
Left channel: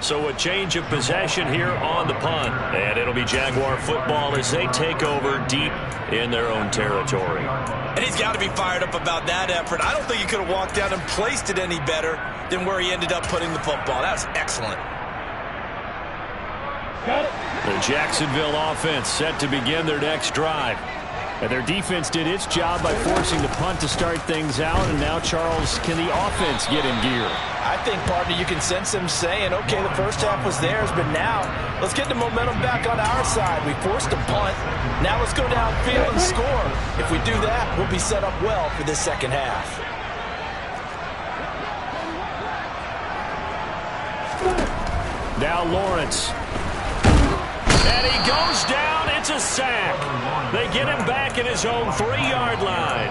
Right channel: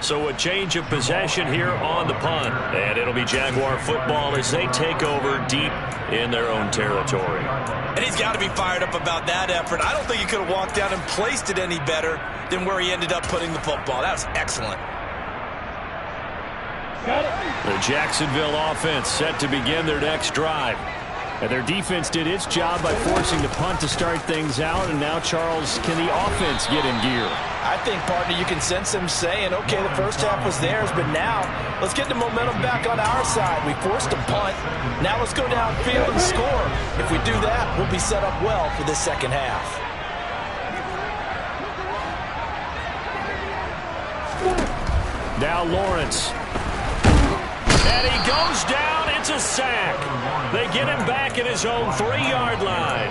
So a change of possession here on the punt. And it'll be Jaguar football as they take over deep in their own territory. And he's got to be fired up about that effort. I don't think he could have walked down and placed it any better than where he ended up putting the football. That was excellent. The Jacksonville offense set to begin their next drive. And their defense did its job by forcing the punt to start things out. And now, Charles, can the offense get in gear? I think, partner, you can sense them saying, okay, the first half was theirs, but now let's get the momentum back on our side. We forced a punt. Now let's go downfield and score. If we do that, we'll be set up well for this second half. Now Lawrence. And he goes down. It's a sack. They get him back at his own 3-yard line.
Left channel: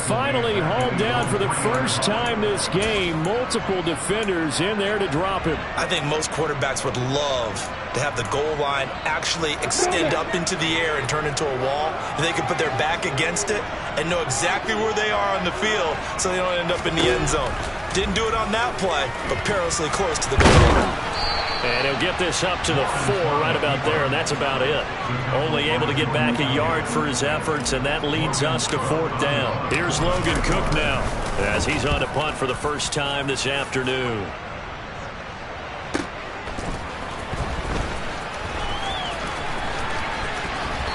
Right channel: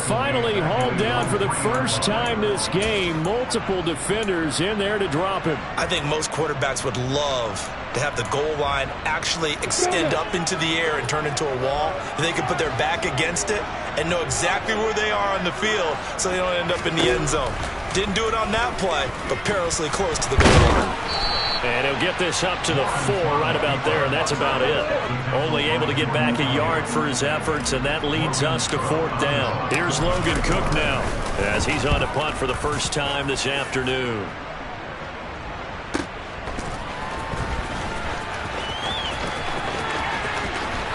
Finally hauled down for the first time this game. Multiple defenders in there to drop him. I think most quarterbacks would love to have the goal line actually extend up into the air and turn into a wall. They can put their back against it and know exactly where they are on the field so they don't end up in the end zone. Didn't do it on that play, but perilously close to the goal line. And he'll get this up to the 4 right about there, and that's about it. Only able to get back a yard for his efforts, and that leads us to 4th down. Here's Logan Cook now as he's on to punt for the first time this afternoon.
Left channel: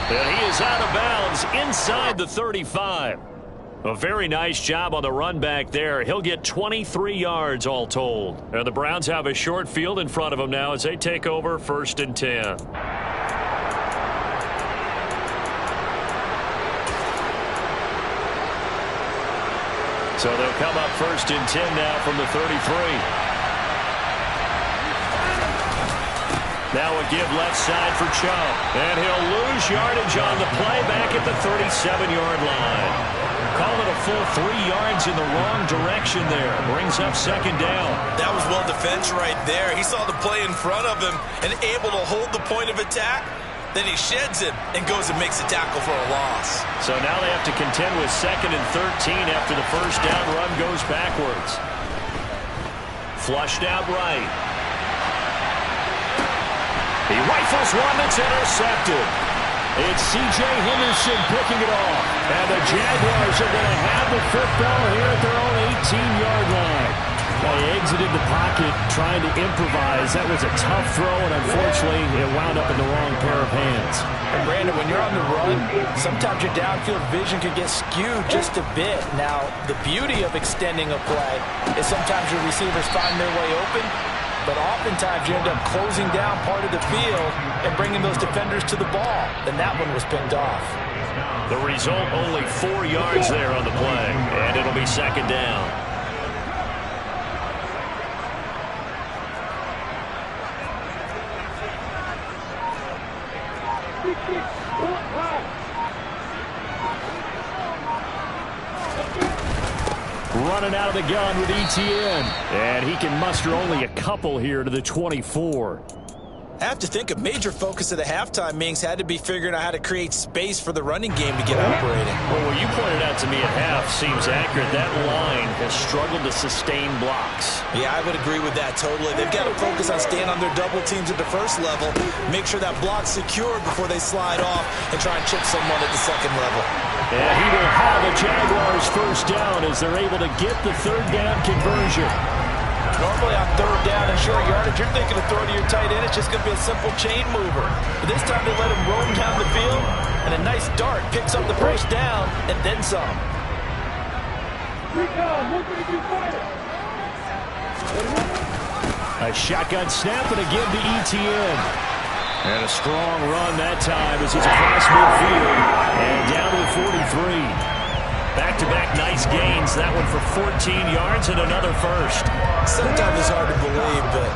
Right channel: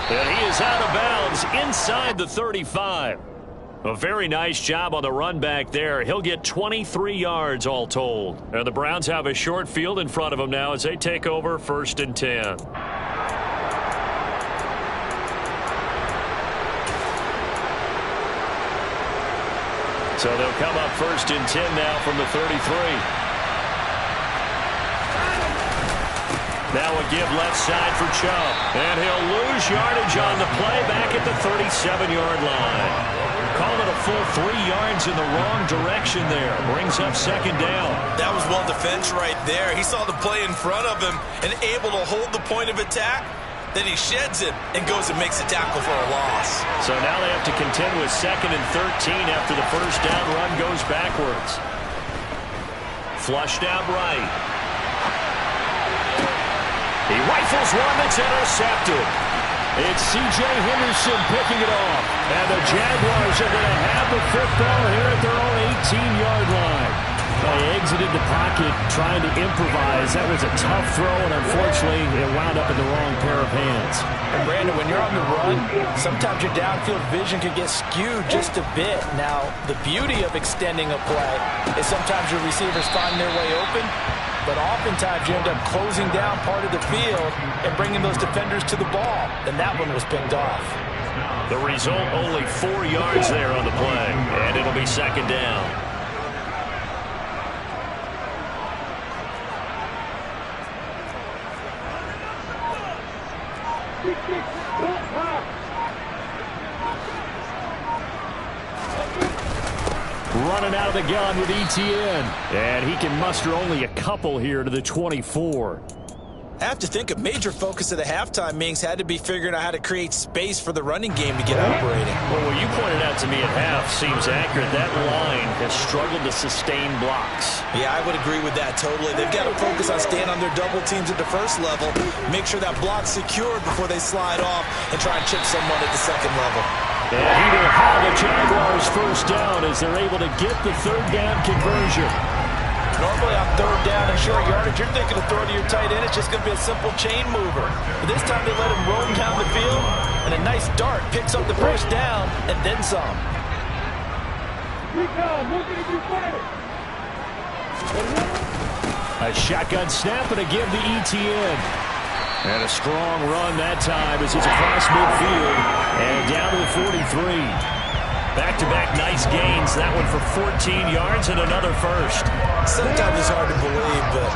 And he is out of bounds inside the 35. A very nice job on the run back there. He'll get 23 yards all told. And the Browns have a short field in front of them now as they take over 1st and 10. So they'll come up 1st and 10 now from the 33. Now a give left side for Chubb. And he'll lose yardage on the play back at the 37-yard line. Call it a full 3 yards in the wrong direction there. Brings up 2nd down. That was well defense right there. He saw the play in front of him and able to hold the point of attack. Then he sheds him and goes and makes a tackle for a loss. So now they have to contend with 2nd and 13 after the first down run goes backwards. Flushed out right. He rifles one that's intercepted. It's C.J. Henderson picking it off. And the Jaguars are going to have the football here at their own 18-yard line. They exited the pocket trying to improvise. That was a tough throw, and unfortunately, it wound up in the wrong pair of hands. And, Brandon, when you're on the run, sometimes your downfield vision can get skewed just a bit. Now, the beauty of extending a play is sometimes your receivers find their way open, but oftentimes you end up closing down part of the field and bringing those defenders to the ball. And that one was picked off. The result, only 4 yards there on the play, and it'll be 2nd down. Running out of the gun with ETN. And he can muster only a couple here to the 24. I have to think a major focus of the halftime meetings had to be figuring out how to create space for the running game to get operating. Well, what you pointed out to me at half seems accurate. That line has struggled to sustain blocks. Yeah, I would agree with that totally. They've got to focus on staying on their double teams at the first level, make sure that block's secured before they slide off and try and chip someone at the second level. And he will have the Jaguars first down as they're able to get the third down conversion. Normally on third down and short yardage, you're thinking of throwing to your tight end. It's just going to be a simple chain mover. But this time they let him roam down the field, and a nice dart picks up the first down and then some. A shotgun snap and a give to ETN. And a strong run that time as he's across midfield and down to the 43. Back-to-back nice gains. That one for 14 yards and another first. Sometimes it's hard to believe, but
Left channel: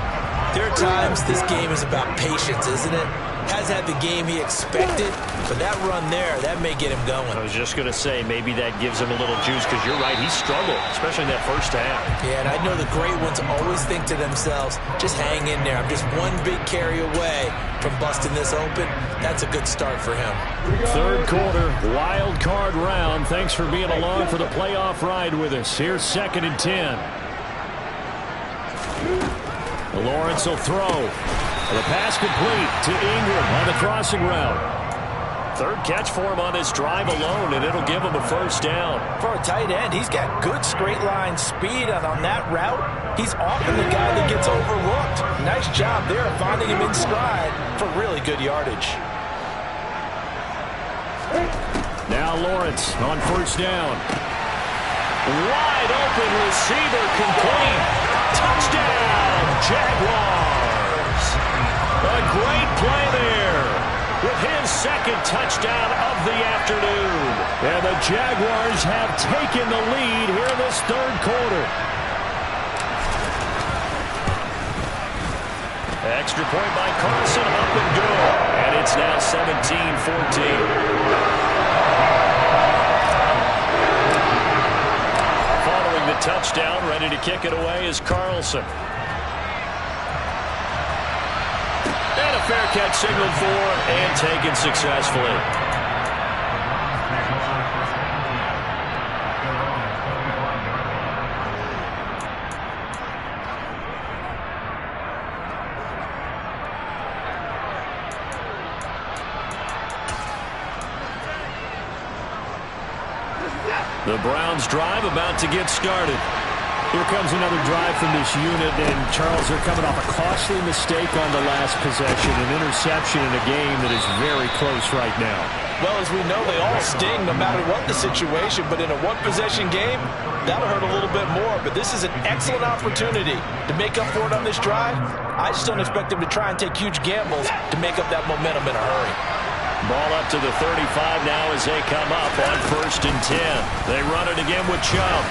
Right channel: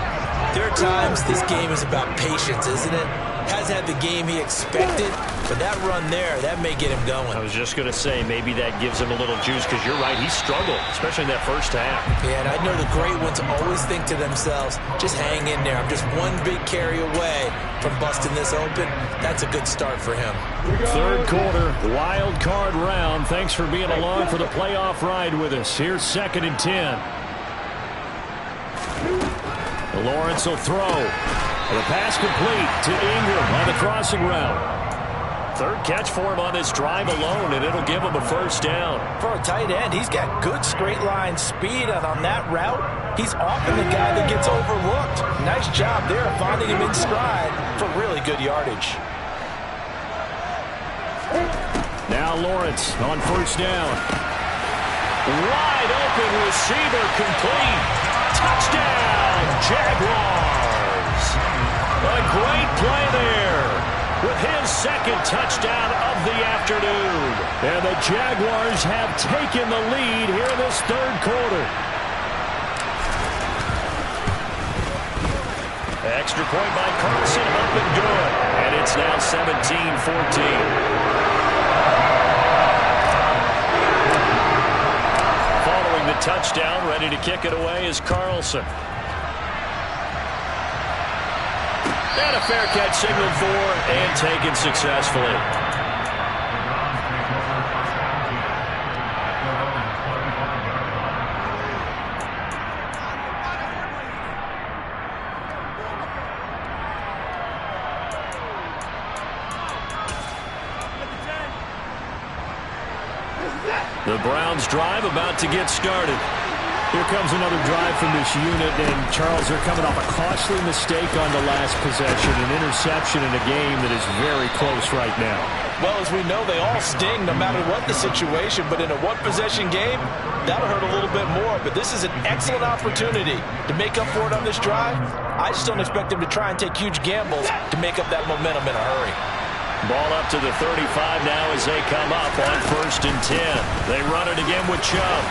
there are times this game is about patience, isn't it? Has had the game he expected, but that run there, that may get him going. I was just going to say, maybe that gives him a little juice, because you're right, he struggled, especially in that first half. Yeah, and I know the great ones always think to themselves, just hang in there. I'm just one big carry away from busting this open. That's a good start for him. Third quarter, wild card round. Thanks for being along for the playoff ride with us. Here's 2nd and 10. Lawrence will throw. The pass complete to Ingram on the crossing route. Third catch for him on this drive alone, and it'll give him a first down. For a tight end, he's got good straight line speed, and on that route, he's often the guy that gets overlooked. Nice job there finding him in stride for really good yardage. Now Lawrence on first down. Wide open receiver complete. Touchdown, Jaguars. A great play there with his second touchdown of the afternoon. And the Jaguars have taken the lead here in this third quarter. Extra point by Carlson, up and good. And it's now 17-14. Following the touchdown, ready to kick it away is Carlson. And a fair catch signaled for and taken successfully. The Browns drive about to get started. Here comes another drive from this unit, and Charles, they're coming off a costly mistake on the last possession, an interception in a game that is very close right now. Well, as we know, they all sting no matter what the situation, but in a one-possession game, that'll hurt a little bit more. But this is an excellent opportunity to make up for it on this drive. I just don't expect them to try and take huge gambles to make up that momentum in a hurry. Ball up to the 35 now as they come up on 1st and 10. They run it again with Chubb.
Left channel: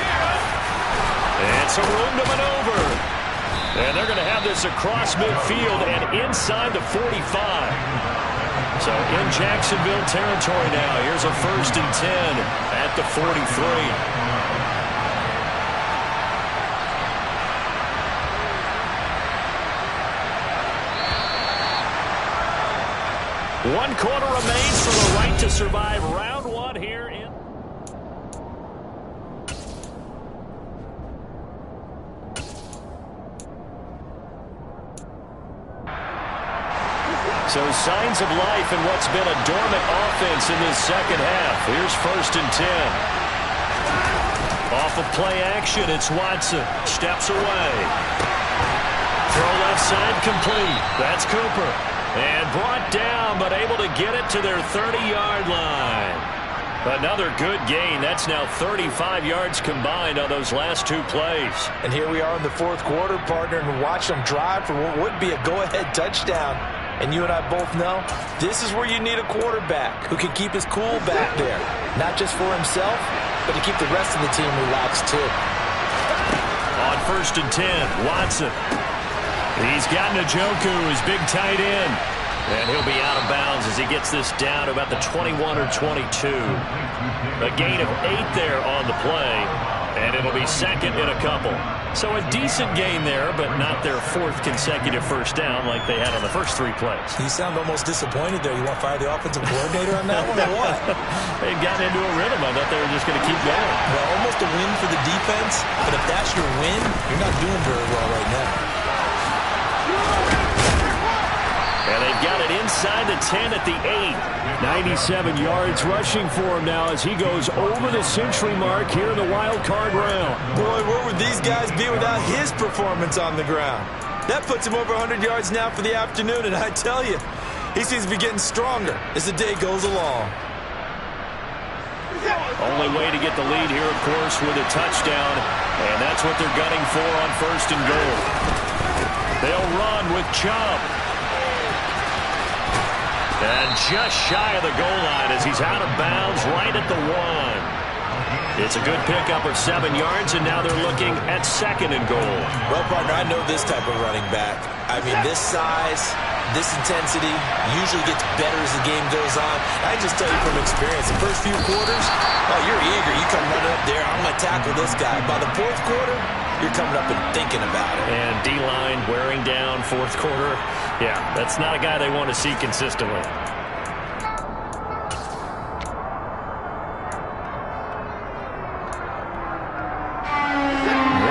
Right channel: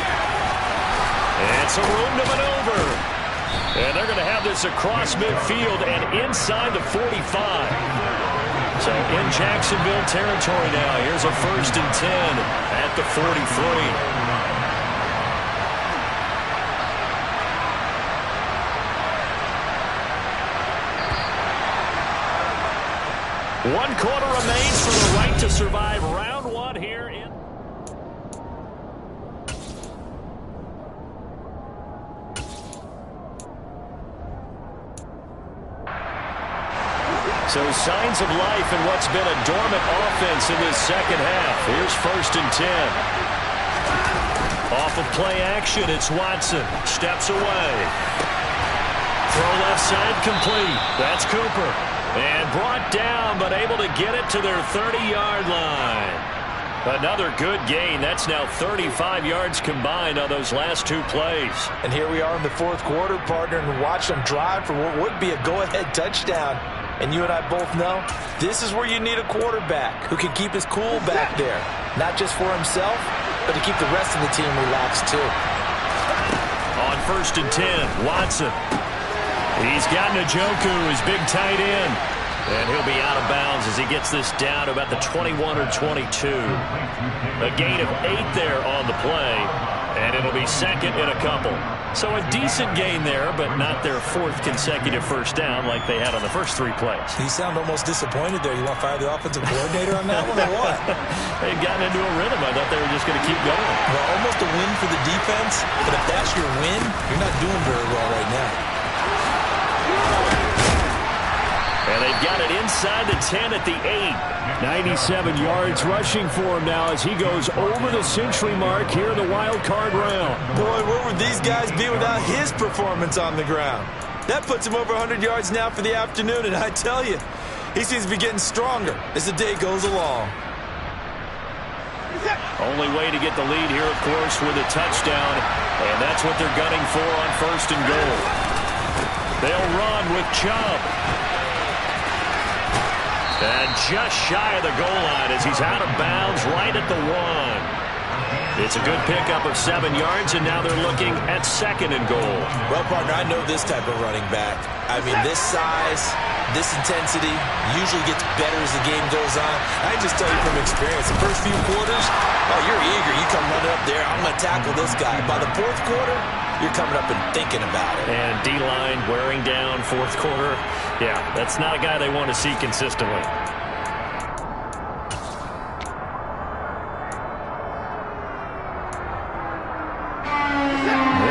And some room to maneuver. And they're going to have this across midfield and inside the 45. So in Jacksonville territory now. Here's a 1st and 10 at the 43. One quarter remains for the right to survive round one here in. So signs of life in what's been a dormant offense in this second half. Here's 1st and 10. Off of play action, it's Watson. Steps away. Throw left side complete. That's Cooper. And brought down, but able to get it to their 30-yard line. Another good gain. That's now 35 yards combined on those last two plays. And here we are in the fourth quarter, partner, and watch them drive for what would be a go-ahead touchdown. And you and I both know this is where you need a quarterback who can keep his cool back there. Not just for himself, but to keep the rest of the team relaxed too. On 1st and 10, Watson. He's got Njoku, his big tight end. And he'll be out of bounds as he gets this down to about the 21 or 22. A gain of 8 there on the play, and it'll be second and a couple. So a decent gain there, but not their 4th consecutive first down like they had on the first 3 plays. You sound almost disappointed there. You want to fire the offensive coordinator on that one or what? They'd gotten into a rhythm. I thought they were just going to keep going. Well, almost a win for the defense, but if that's your win, you're not doing very well right now. And they've got it inside the 10 at the 8. 97 yards rushing for him now as he goes over the century mark here in the wild card round. Boy, where would these guys be without his performance on the ground? That puts him over 100 yards now for the afternoon, and I tell you, he seems to be getting stronger as the day goes along. Only way to get the lead here, of course, with a touchdown, and that's what they're gunning for on 1st and goal. They'll run with Chubb. And just shy of the goal line as he's out of bounds right at the 1. It's a good pickup of 7 yards, and now they're looking at 2nd and goal. Well, partner, I know this type of running back. I mean, this size, this intensity usually gets better as the game goes on. I can just tell you from experience, the first few quarters, oh, you're eager. You come running up there, I'm going to tackle this guy. By the 4th quarter, you're coming up and thinking about it. And D-line wearing down 4th quarter. Yeah, that's not a guy they want to see consistently.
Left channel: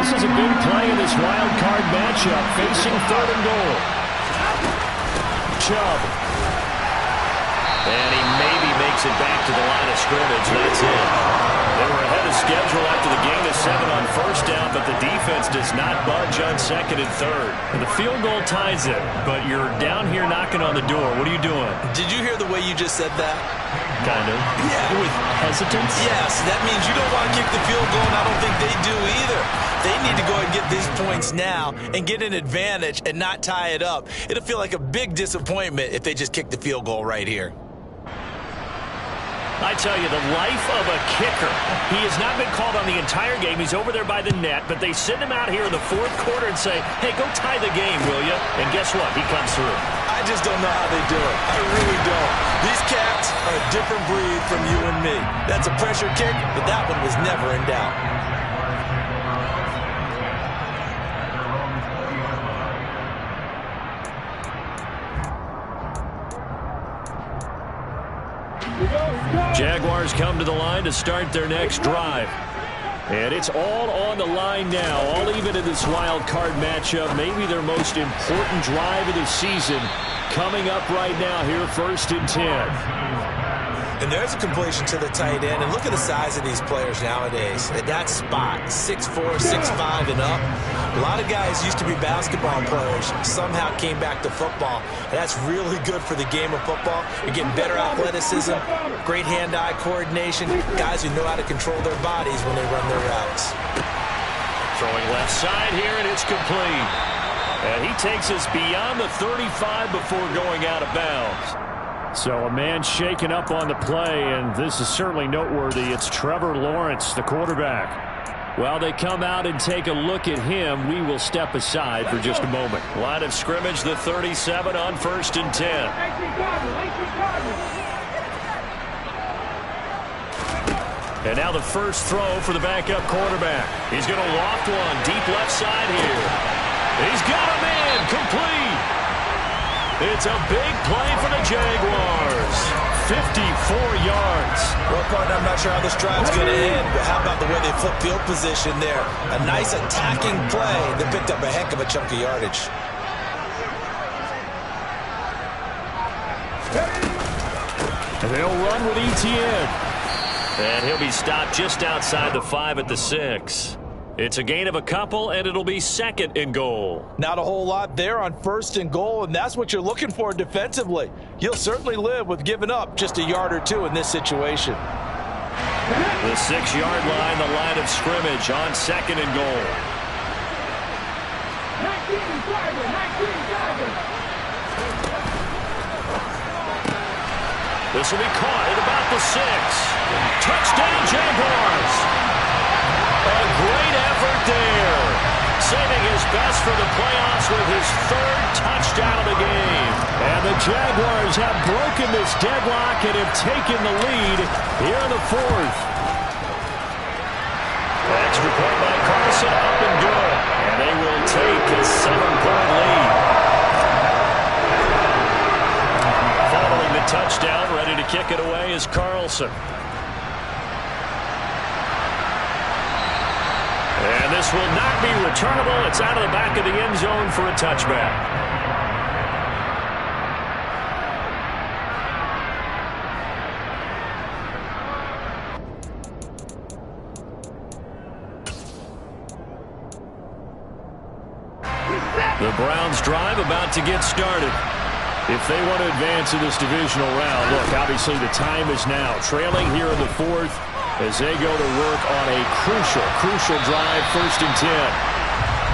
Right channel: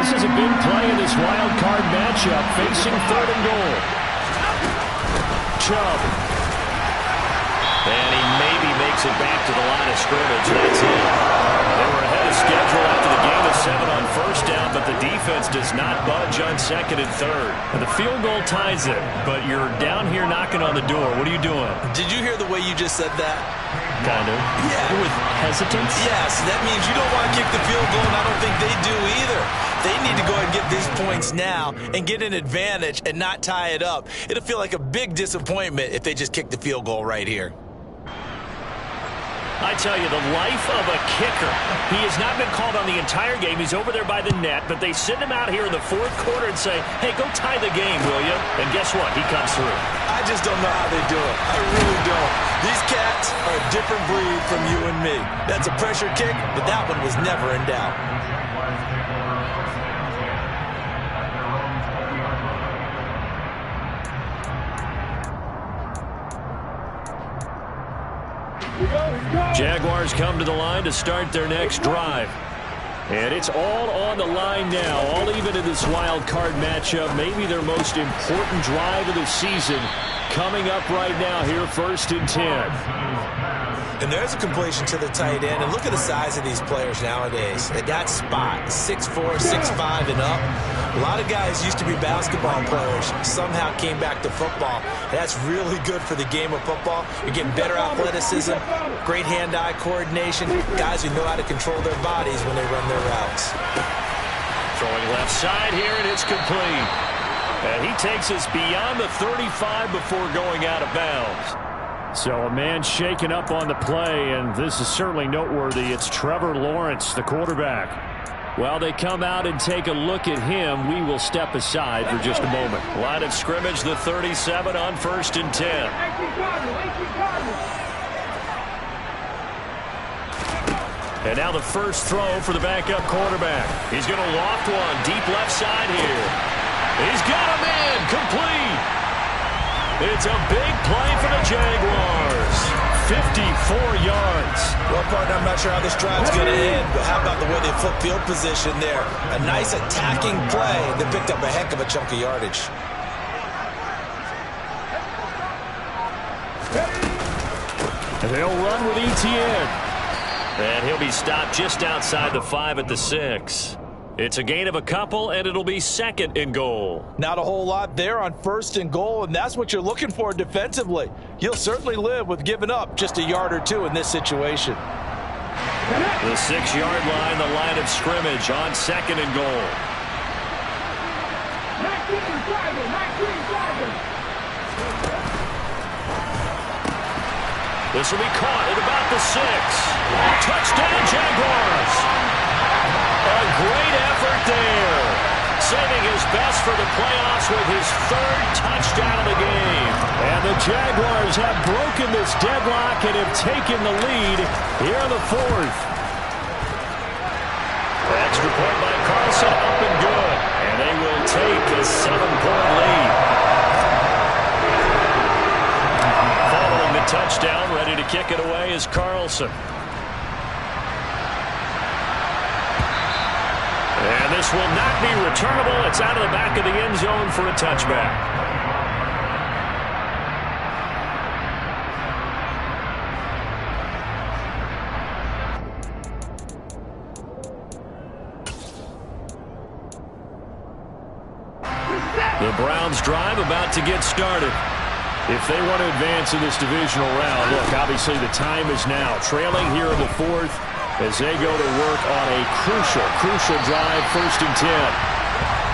This is a big play in this wild card matchup, facing 3rd and goal. Chubb. And he maybe makes it back to the line of scrimmage. That's it. They were ahead of schedule after the gain of 7 on 1st down, but the defense does not budge on 2nd and 3rd. And the field goal ties it, but you're down here knocking on the door. What are you doing? Did you hear the way you just said that? Kind of. Yeah. With hesitance? Yes, that means you don't want to kick the field goal, and I don't think they do either. They need to go ahead and get these points now and get an advantage and not tie it up. It'll feel like a big disappointment if they just kick the field goal right here. I tell you, the life of a kicker. He has not been called on the entire game. He's over there by the net, but they send him out here in the 4th quarter and say, hey, go tie the game, will you? And guess what? He comes through. I just don't know how they do it. I really don't. These cats are a different breed from you and me. That's a pressure kick, but that one was never in doubt. Jaguars come to the line to start their next drive. And it's all on the line now, all even in this wild card matchup. Maybe their most important drive of the season coming up right now here, 1st and 10. And there's a completion to the tight end. And look at the size of these players nowadays. At that spot, 6'4", 6'5", and up. A lot of guys used to be basketball players, somehow came back to football. And that's really good for the game of football. You're getting better athleticism, great hand-eye coordination, guys who know how to control their bodies when they run their routes. Throwing left side here, and it's complete. And he takes us beyond the 35 before going out of bounds. So a man shaken up on the play, and this is certainly noteworthy. It's Trevor Lawrence, the quarterback. While they come out and take a look at him, we will step aside for just a moment. Line of scrimmage, the 37 on 1st and 10. And now the first throw for the backup quarterback. He's going to loft one deep left side here. He's got a man complete. It's a big play for the Jaguars. 54 yards. Well, partner, I'm not sure how this drive's going to end, but how about the way they flip field position there? A nice attacking play that picked up a heck of a chunk of yardage. And they'll run with Etienne. And he'll be stopped just outside the 5 at the 6. It's a gain of a couple, and it'll be 2nd and goal. Not a whole lot there on 1st and goal, and that's what you're looking for defensively. You'll certainly live with giving up just a yard or two in this situation. The 6-yard line, the line of scrimmage on 2nd and goal. 19 This will be caught at about the 6. Touchdown, Jaguars. A great effort there. saving his best for the playoffs with his third touchdown of the game. And the Jaguars have broken this deadlock and have taken the lead here in the fourth. Extra point by Carlson, up and good. And they will take a 7-point lead. Following the touchdown, ready to kick it away is Carlson. And this will not be returnable. It's out of the back of the end zone for a touchback. The Browns drive about to get started. If they want to advance in this divisional round, look, obviously the time is now. Trailing here in the fourth as they go to work on a crucial drive, 1st and 10.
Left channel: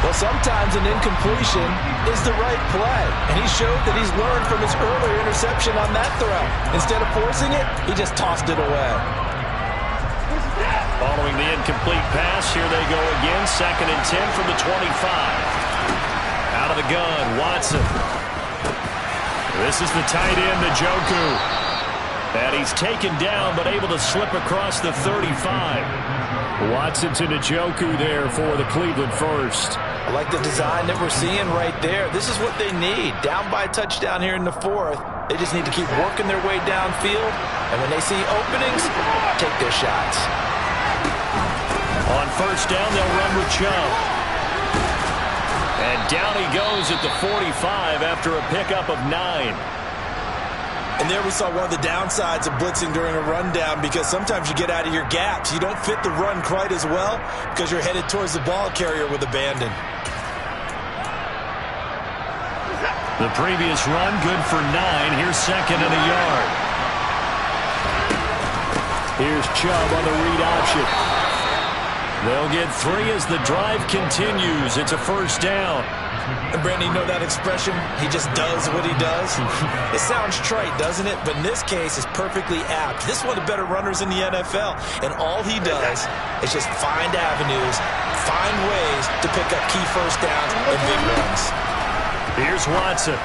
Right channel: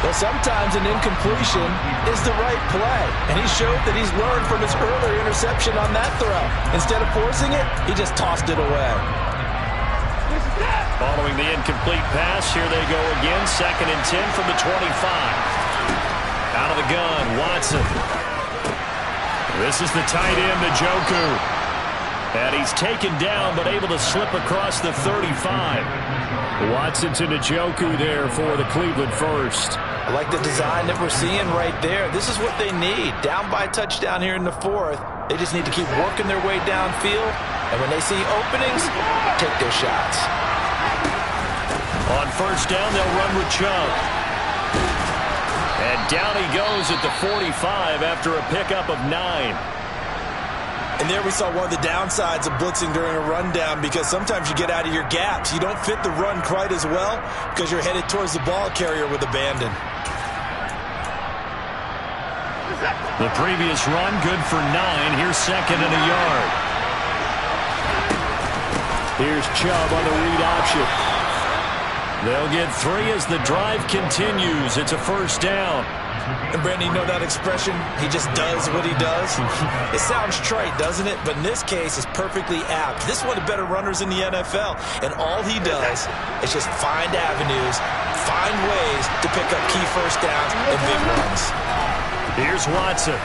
Well, sometimes an incompletion is the right play, and he showed that he's learned from his earlier interception on that throw. Instead of forcing it, he just tossed it away. Following the incomplete pass, here they go again, 2nd and 10 from the 25. Out of the gun, Watson. This is the tight end, Njoku. And he's taken down, but able to slip across the 35. Watson to Njoku there for the Cleveland first. I like the design that we're seeing right there. This is what they need. Down by a touchdown here in the fourth. They just need to keep working their way downfield. And when they see openings, take their shots. On 1st down, they'll run with Chubb. And down he goes at the 45 after a pickup of 9. And there we saw one of the downsides of blitzing during a rundown, because sometimes you get out of your gaps. You don't fit the run quite as well because you're headed towards the ball carrier with abandon. The previous run, good for 9. Here's 2nd and a yard. Here's Chubb on the read option. They'll get 3 as the drive continues. It's a 1st down. And Brandon, you know that expression? He just does what he does. It sounds trite, doesn't it? But in this case, it's perfectly apt. This is one of the better runners in the NFL. And all he does is just find avenues, find ways to pick up key 1st downs and big runs. Here's Watson.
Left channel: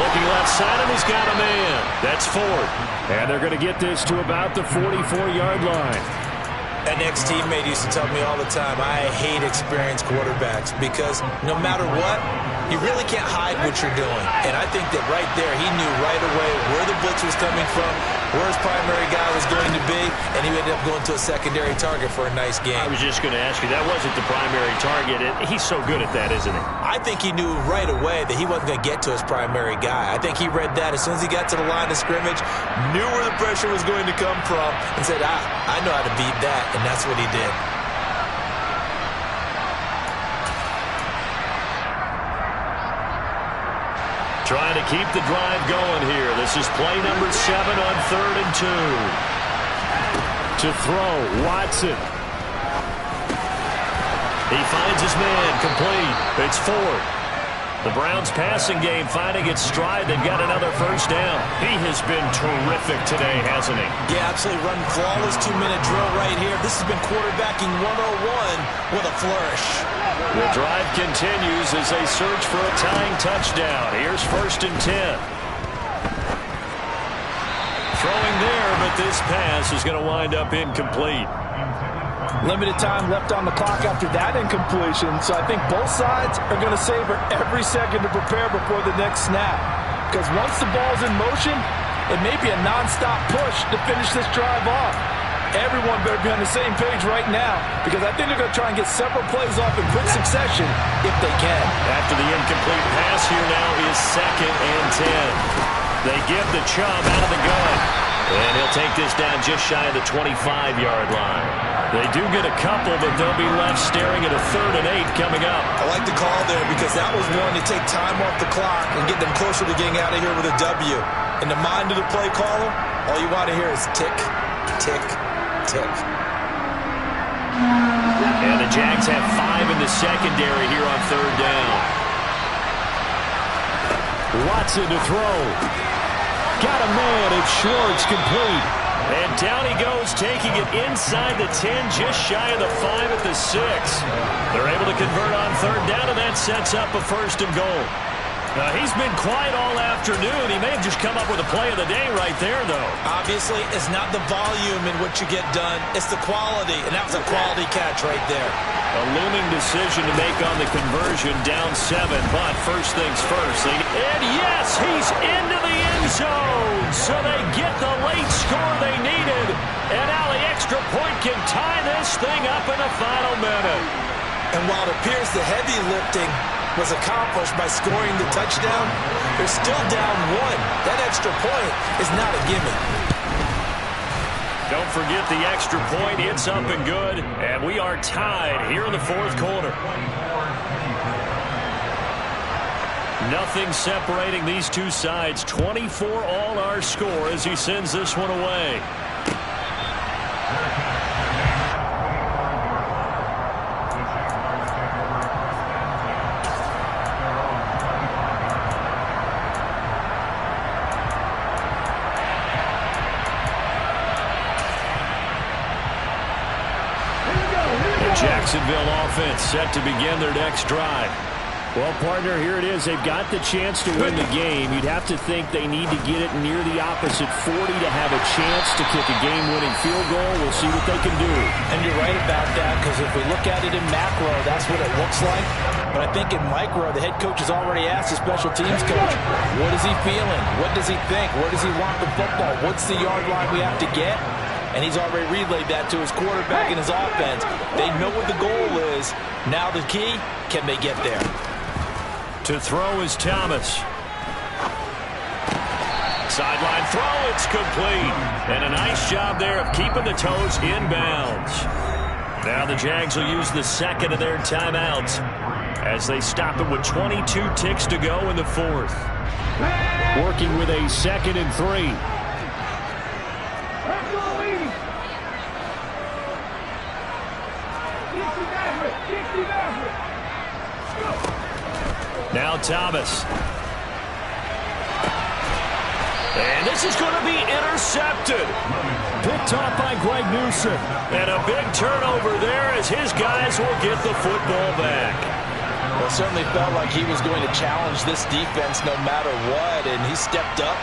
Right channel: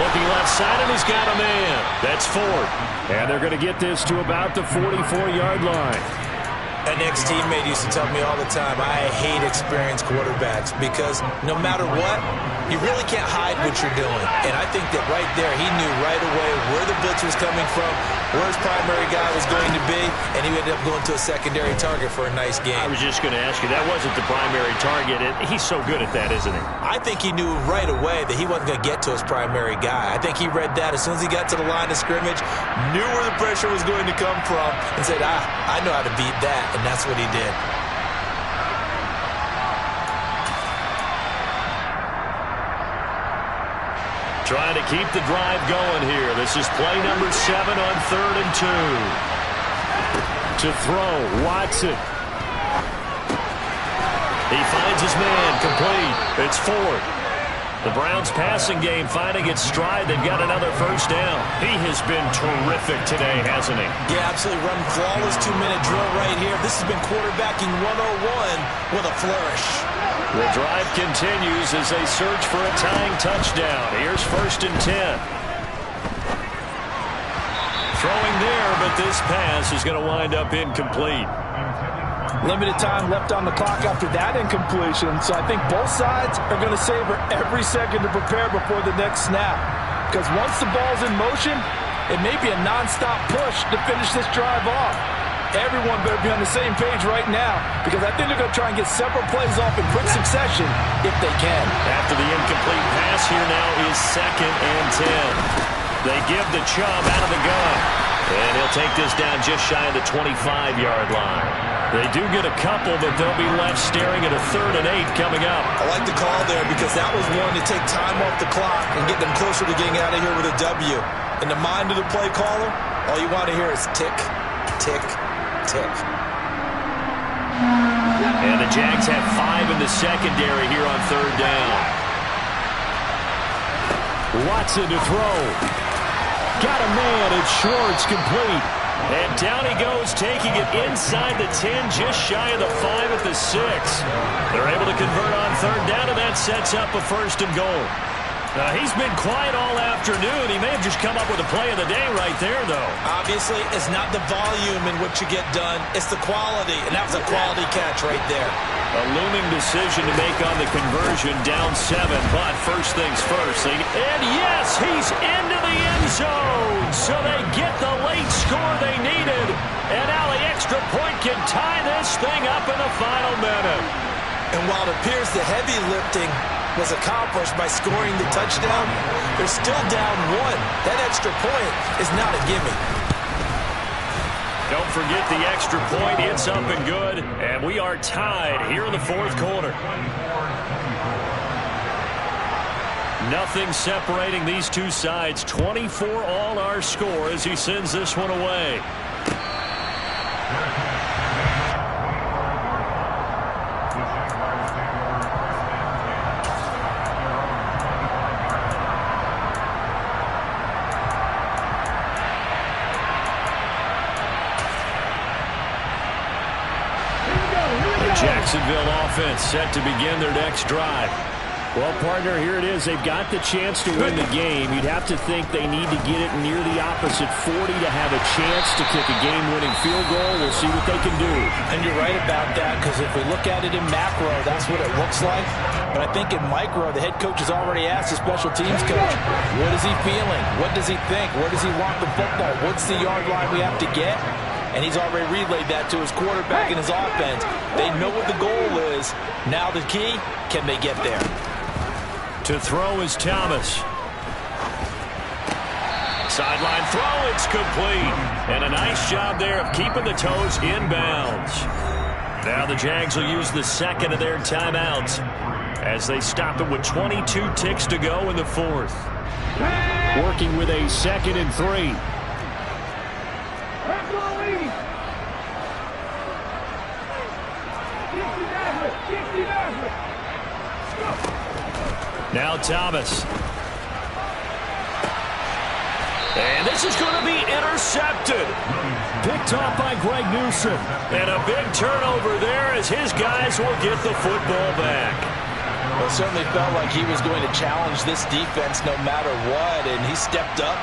Looking left side, and he's got a man. That's 4th. And they're going to get this to about the 44-yard line. An ex-teammate used to tell me all the time, I hate experienced quarterbacks, because no matter what, you really can't hide what you're doing. And I think that right there, he knew right away where the blitz was coming from, where his primary guy was going to be, and he ended up going to a secondary target for a nice game. I was just going to ask you, that wasn't the primary target. He's so good at that, isn't he? I think he knew right away that he wasn't going to get to his primary guy. I think he read that as soon as he got to the line of scrimmage, knew where the pressure was going to come from, and said, I know how to beat that. And that's what he did. Trying to keep the drive going here. This is play number 7 on 3rd and 2. To throw, Watson. He finds his man, complete. It's 4th. The Browns passing game finding its stride. They've got another 1st down. He has been terrific today, hasn't he? Yeah, absolutely. Run flawless 2-minute drill right here. This has been quarterbacking 101 with a flourish. The drive continues as they search for a tying touchdown. Here's 1st and 10. Throwing there, but this pass is going to wind up incomplete. Limited time left on the clock after that incompletion, so I think both sides are going to savor every second to prepare before the next snap. Because once the ball's in motion, it may be a nonstop push to finish this drive off. Everyone better be on the same page right now, because I think they're going to try and get several plays off in quick succession if they can. After the incomplete pass, here now is 2nd and 10. They give the Chubb out of the gun. And he'll take this down just shy of the 25-yard line. They do get a couple, but they'll be left staring at a 3rd and 8 coming up. I like the call there, because that was one to take time off the clock and get them closer to getting out of here with a W. In the mind of the play caller, all you want to hear is tick, tick, tick. And the Jags have 5 in the secondary here on 3rd down. Watson to throw. Got a man, it's Schwartz, complete. And down he goes, taking it inside the 10, just shy of the 5 at the 6. They're able to convert on third down, and that sets up a 1st and goal. He's been quiet all afternoon. He may have just come up with a play of the day right there, though. Obviously, it's not the volume in which you get done. It's the quality, and that was a quality catch right there. A looming decision to make on the conversion, down 7, but first things first. And yes, he's into the end zone. So they get the late score they needed. And now the extra point can tie this thing up in the final minute. And while it appears the heavy lifting was accomplished by scoring the touchdown, they're still down 1. That extra point is not a gimme. Don't forget the extra point. It's up and good. And we are tied here in the 4th quarter. Nothing separating these two sides. 24 all our score as he sends this one away. The Jaguars take over 1st and 10 at their own 25-yard line. The Jacksonville offense set to begin their next drive. Well, partner, here it is. They've got the chance to win the game. You'd have to think they need to get it near the opposite 40 to have a chance to kick a game-winning field goal. We'll see what they can do. And you're right about that, because if we look at it in macro, that's what it looks like. But I think in micro, the head coach has already asked the special teams coach, what is he feeling? What does he think? Where does he want the football? What's the yard line we have to get? And he's already relayed that to his quarterback and his offense. They know what the goal is. Now the key, can they get there? To throw is Thomas. Sideline throw, it's complete. And a nice job there of keeping the toes inbounds. Now the Jags will use the 2nd of their timeouts as they stop it with 22 ticks to go in the 4th. Working with a 2nd and 3. Now Thomas. And this is going to be intercepted. Picked off by Greg Newsom. And a big turnover there as his guys will get the football back. Well, it certainly felt like he was going to challenge this defense no matter what, and he stepped up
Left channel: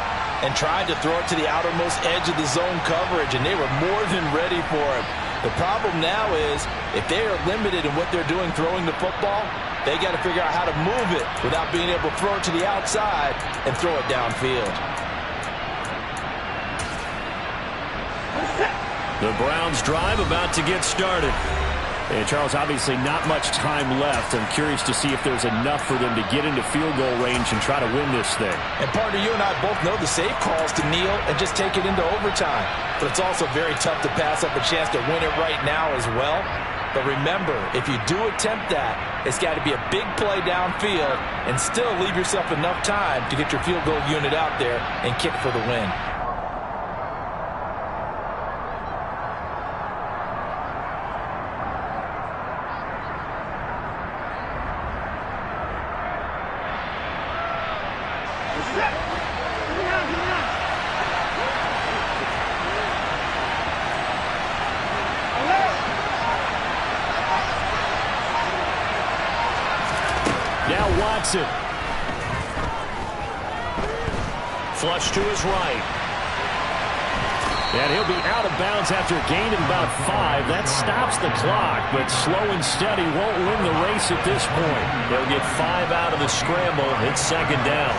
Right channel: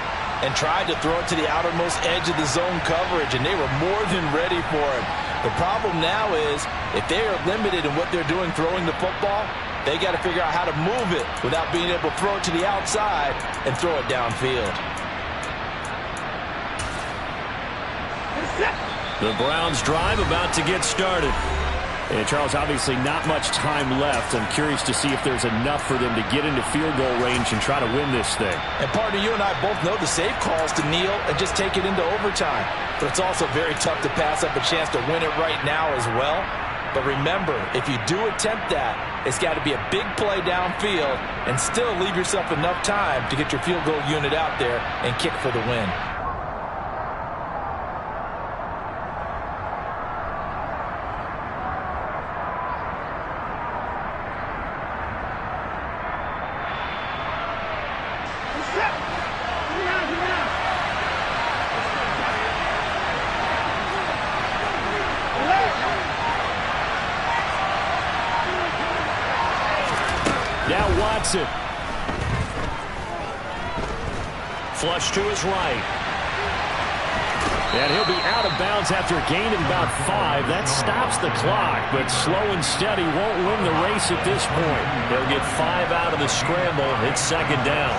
and tried to throw it to the outermost edge of the zone coverage, and they were more than ready for him. The problem now is if they are limited in what they're doing throwing the football, they got to figure out how to move it without being able to throw it to the outside and throw it downfield. The Browns drive about to get started. And Charles, obviously not much time left. I'm curious to see if there's enough for them to get into field goal range and try to win this thing. And partner, you and I both know the safe calls to kneel and just take it into overtime. But it's also very tough to pass up a chance to win it right now as well. But remember, if you do attempt that, it's got to be a big play downfield and still leave yourself enough time to get your field goal unit out there and kick for the win. Now Watson. Flush to his right. And he'll be out of bounds after a gain of about 5. That stops the clock, but slow and steady won't win the race at this point. They'll get 5 out of the scramble. It's 2nd down.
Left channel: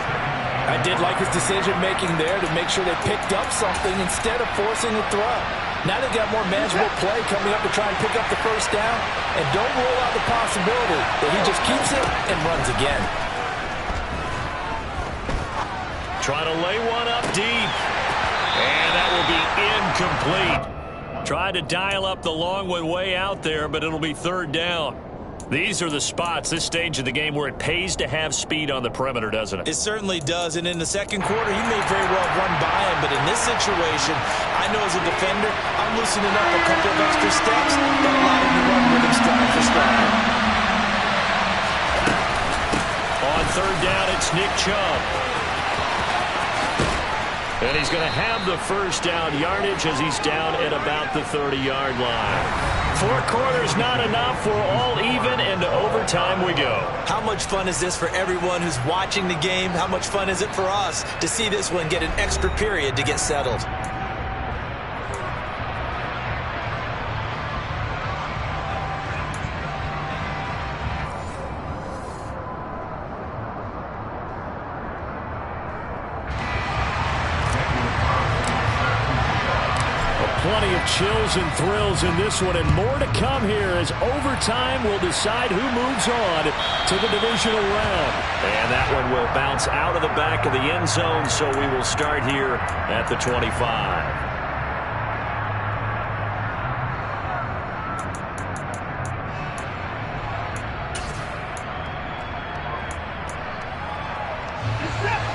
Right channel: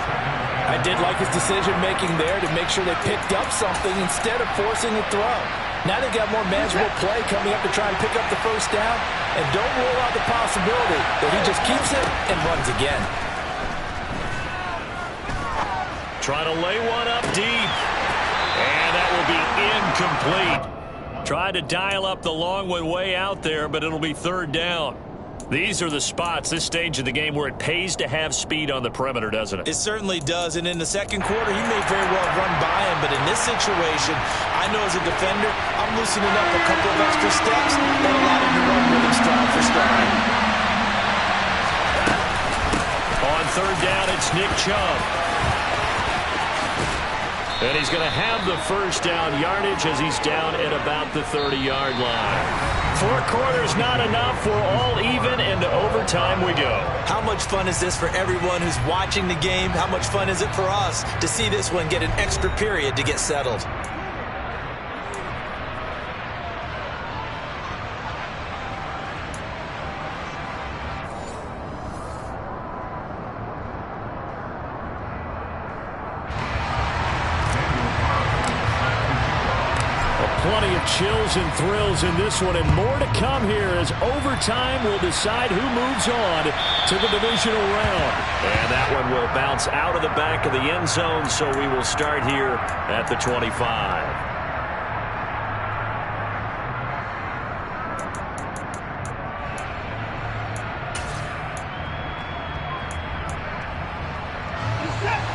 I did like his decision-making there to make sure they picked up something instead of forcing a throw. Now they got more manageable play coming up to try and pick up the 1st down. And don't rule out the possibility that he just keeps it and runs again. Trying to lay one up deep. And that will be incomplete. Tried to dial up the long one way out there, but it'll be 3rd down. These are the spots, this stage of the game, where it pays to have speed on the perimeter, doesn't it? It certainly does, and in the 2nd quarter, he may very well run by him, but in this situation, I know as a defender, I'm loosening up a couple of extra steps that allow him to run with him stride for stride. On 3rd down, it's Nick Chubb. And he's going to have the first down yardage as he's down at about the 30-yard line. 4 quarters not enough. We're all even, and to overtime we go. How much fun is this for everyone who's watching the game? How much fun is it for us to see this one get an extra period to get settled? Plenty of chills and thrills in this one, and more to come here as overtime will decide who moves on to the divisional round. And that one will bounce out of the back of the end zone, so we will start here at the 25.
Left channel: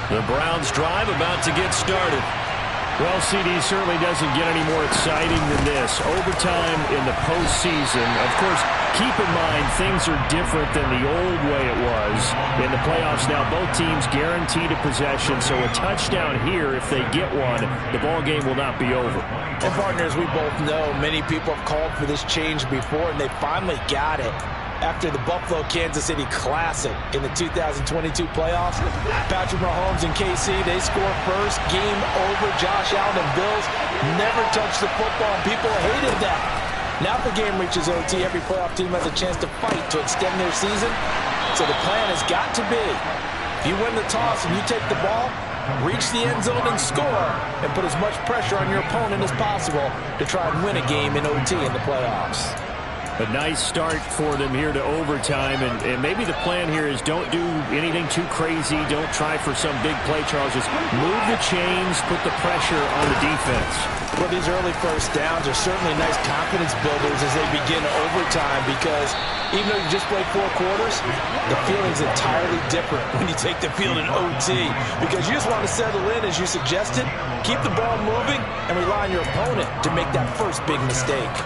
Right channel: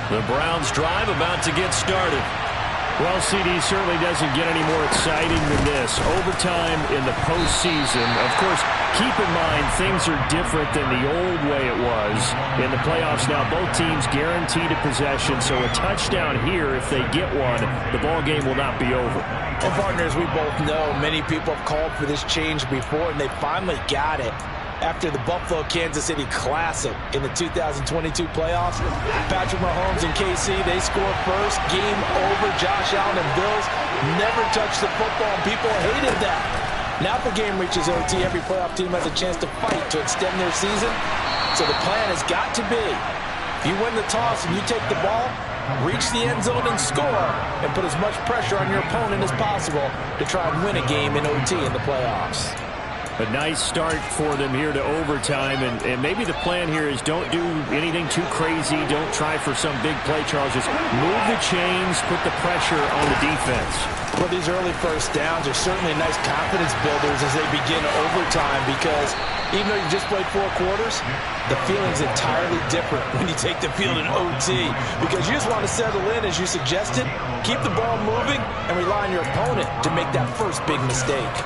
The Browns drive about to get started. Well, CD certainly doesn't get any more exciting than this. Overtime in the postseason. Of course, keep in mind things are different than the old way it was. In the playoffs now, both teams guaranteed a possession, so a touchdown here, if they get one, the ball game will not be over. And partners, we both know many people have called for this change before, and they finally got it. After the Buffalo-Kansas City Classic in the 2022 playoffs, Patrick Mahomes and KC, they score first. Game over. Josh Allen and Bills never touched the football, and people hated that. Now if the game reaches OT, every playoff team has a chance to fight to extend their season. So the plan has got to be, if you win the toss and you take the ball, reach the end zone and score, and put as much pressure on your opponent as possible to try and win a game in OT in the playoffs. A nice start for them here to overtime, and maybe the plan here is don't do anything too crazy. Don't try for some big play, Charles. Just move the chains, put the pressure on the defense. Well, these early first downs are certainly nice confidence builders as they begin overtime, because even though you've just played 4 quarters, the feeling's entirely different when you take the field in OT, because you just want to settle in, as you suggested, keep the ball moving, and rely on your opponent to make that first big mistake.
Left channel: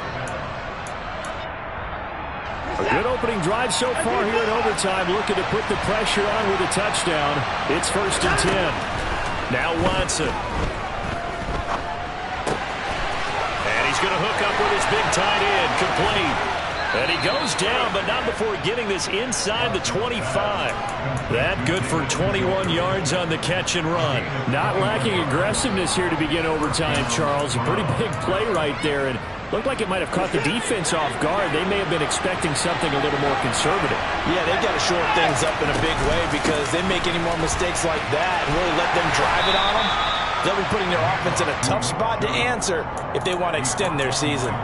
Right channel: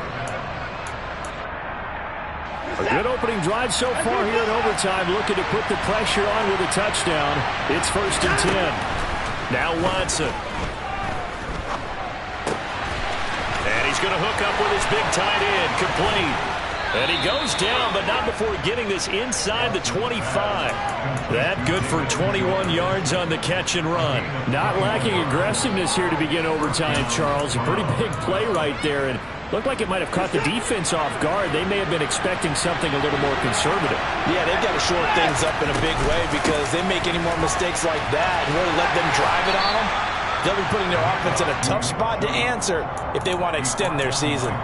A good opening drive so far here in overtime, looking to put the pressure on with a touchdown. It's 1st and 10. Now Watson. And he's going to hook up with his big tight end, complete. And he goes down, but not before getting this inside the 25. That good for 21 yards on the catch and run. Not lacking aggressiveness here to begin overtime, Charles. A pretty big play right there, and looked like it might have caught the defense off guard. They may have been expecting something a little more conservative. Yeah, they've got to short things up in a big way, because they make any more mistakes like that and really let them drive it on them, they'll be putting their offense in a tough spot to answer if they want to extend their season.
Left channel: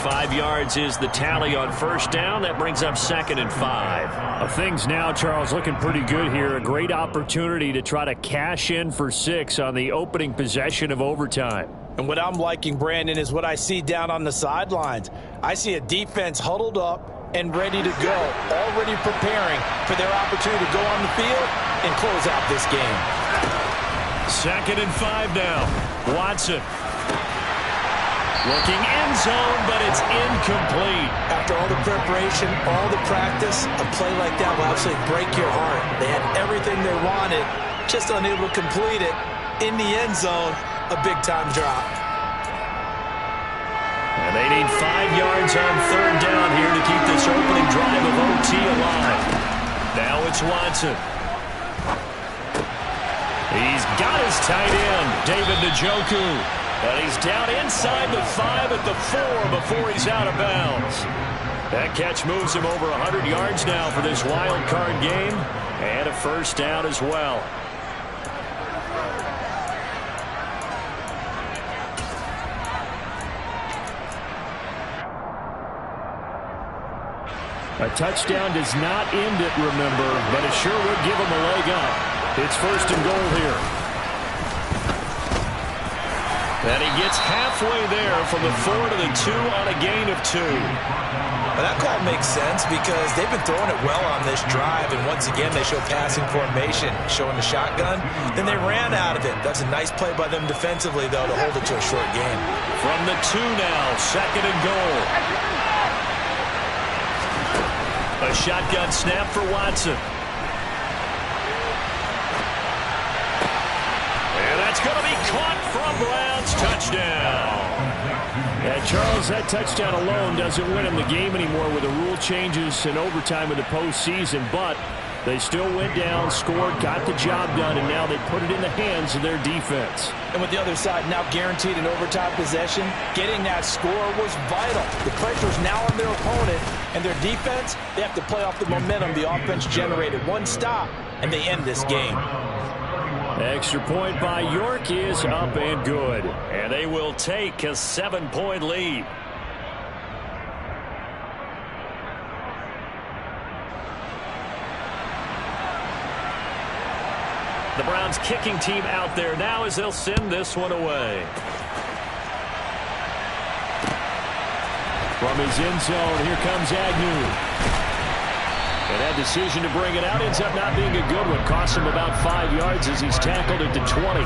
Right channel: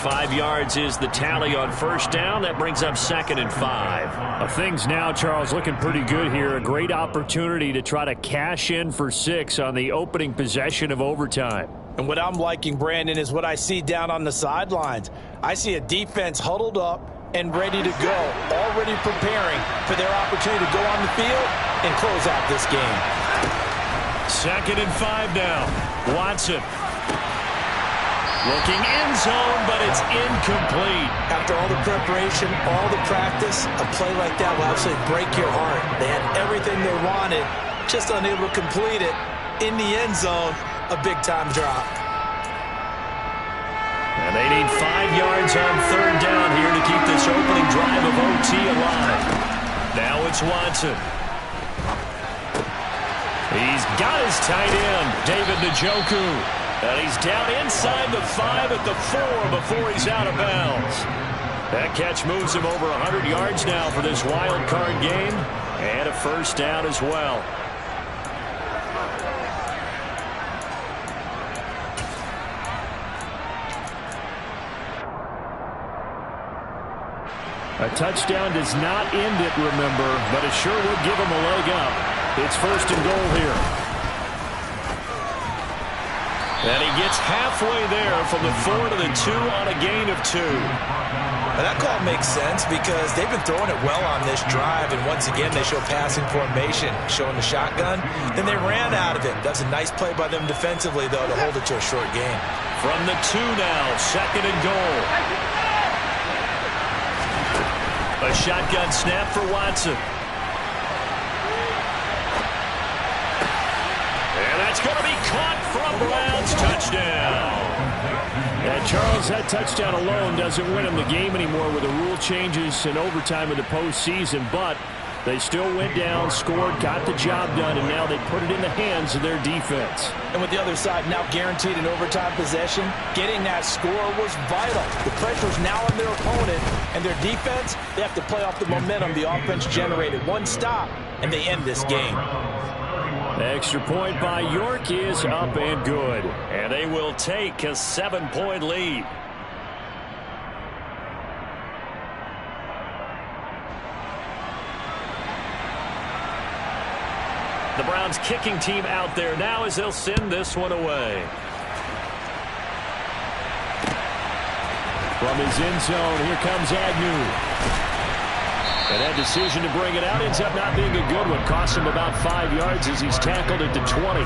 5 yards is the tally on first down. That brings up 2nd and 5. Things now, Charles, looking pretty good here. A great opportunity to try to cash in for 6 on the opening possession of overtime. And what I'm liking, Brandon, is what I see down on the sidelines. I see a defense huddled up and ready to go, already preparing for their opportunity to go on the field and close out this game. 2nd and 5 now. Watson. Looking end zone, but it's incomplete. After all the preparation, all the practice, a play like that will absolutely break your heart. They had everything they wanted, just unable to complete it. In the end zone, a big-time drop. And they need 5 yards on 3rd down here to keep this opening drive of OT alive. Now it's Watson. He's got his tight end, David Njoku. And he's down inside the 5 at the 4 before he's out of bounds. That catch moves him over 100 yards now for this wild card game. And a first down as well. A touchdown does not end it, remember, but it sure would give him a leg up. It's 1st and goal here. And he gets halfway there from the 4 to the 2 on a gain of 2. Well, that call makes sense because they've been throwing it well on this drive, and once again they show passing formation, showing the shotgun. Then they ran out of it. That's a nice play by them defensively, though, to hold it to a short gain. From the 2 now, 2nd and goal. A shotgun snap for Watson. And that's going to be caught for a Browns touchdown. And Charles, that touchdown alone doesn't win him the game anymore with the rule changes and overtime in the postseason, but they still went down, scored, got the job done, and now they put it in the hands of their defense. And with the other side now guaranteed an overtime possession, getting that score was vital. The pressure's now on their opponent, and their defense, they have to play off the momentum the offense generated. One stop, and they end this game. Extra point by York is up and good. And they will take a 7-point lead. The Browns kicking team out there now as they'll send this one away. From his end zone, here comes Agnew. And that decision to bring it out ends up not being a good one. Cost him about 5 yards as he's tackled at the 20.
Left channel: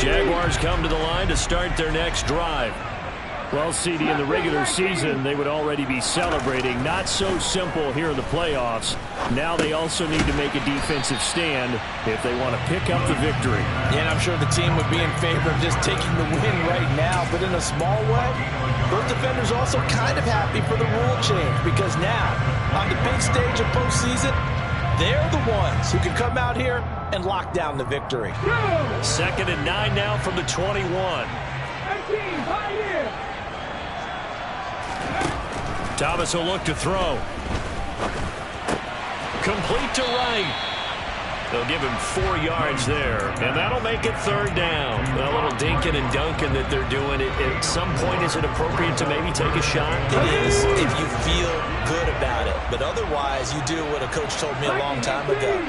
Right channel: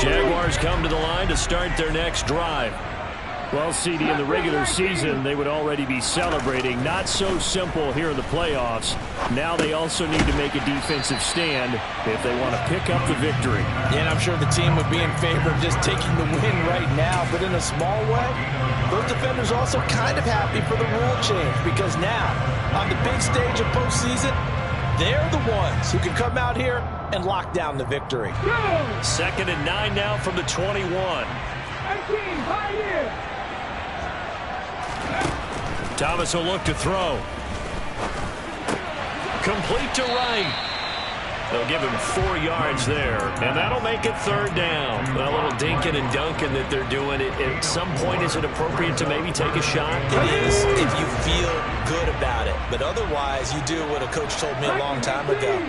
Jaguars come to the line to start their next drive. Well, CD, in the regular season, they would already be celebrating. Not so simple here in the playoffs. Now they also need to make a defensive stand if they want to pick up the victory. Yeah, and I'm sure the team would be in favor of just taking the win right now, but in a small way, those defenders also kind of happy for the rule change because now, on the big stage of postseason, they're the ones who can come out here and lock down the victory. 2nd and 9 now from the 21. Thomas will look to throw. Complete to Wright. They'll give him 4 yards there, and that'll make it 3rd down. A little dinking and dunking that they're doing. At some point, is it appropriate to maybe take a shot? It is if you feel good about it. But otherwise, you do what a coach told me a long time ago.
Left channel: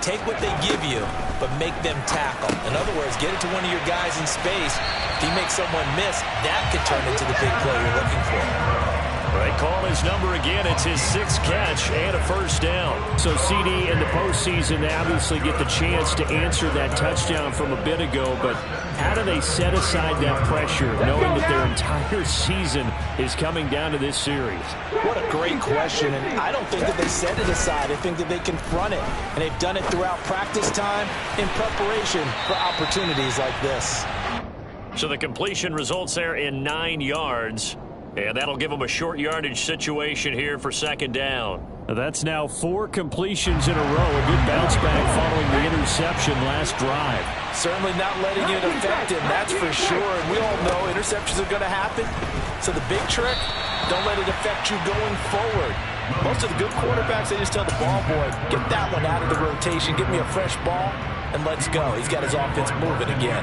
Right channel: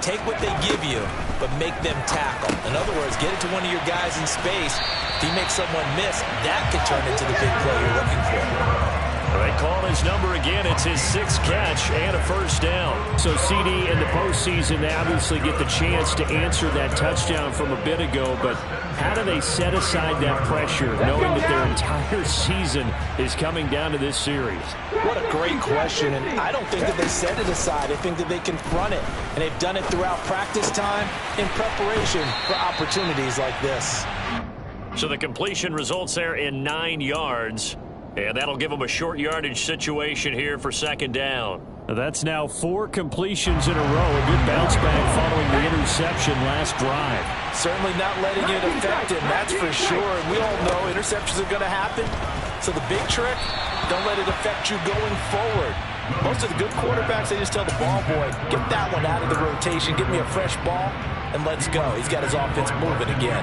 Take what they give you, but make them tackle. In other words, get it to one of your guys in space. If he makes someone miss, that could turn into the big play you're looking for. They call his number again. It's his 6th catch and a 1st down. So, CD, in the postseason, they obviously get the chance to answer that touchdown from a bit ago, but how do they set aside that pressure, knowing that their entire season is coming down to this series? What a great question, and I don't think that they set it aside. I think that they confront it, and they've done it throughout practice time in preparation for opportunities like this. So the completion results there in 9 yards. And that'll give them a short yardage situation here for 2nd down. That's now 4 completions in a row. A good bounce back following the interception last drive. Certainly not letting it affect him, that's for sure. And we all know interceptions are going to happen. So the big trick, don't let it affect you going forward. Most of the good quarterbacks, they just tell the ball boy, get that one out of the rotation, give me a fresh ball, and let's go. He's got his offense moving again.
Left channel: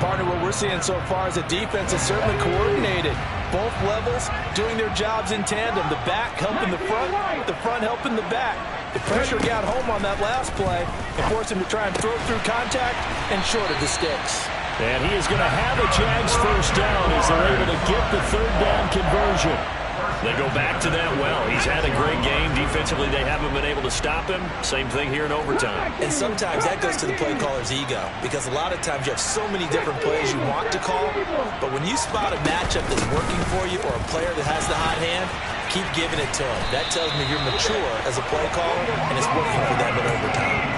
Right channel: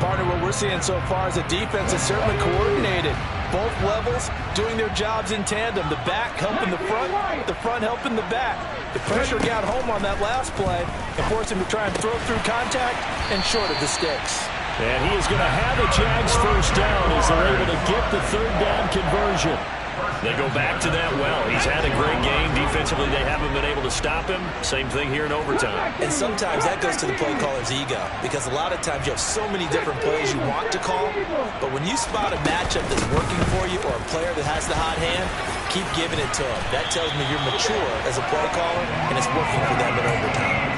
Partner, what we're seeing so far is a defense that's certainly coordinated. Both levels doing their jobs in tandem. The back helping the front helping the back. The pressure got home on that last play and forced him to try and throw through contact and short of the sticks. And he is going to have a Jags 1st down as they're able to get the 3rd down conversion. They go back to that well. He's had a great game. Defensively, they haven't been able to stop him. Same thing here in overtime. And sometimes that goes to the play caller's ego because a lot of times you have so many different plays you want to call, but when you spot a matchup that's working for you or a player that has the hot hand, keep giving it to them. That tells me you're mature as a play caller, and it's working for them in overtime.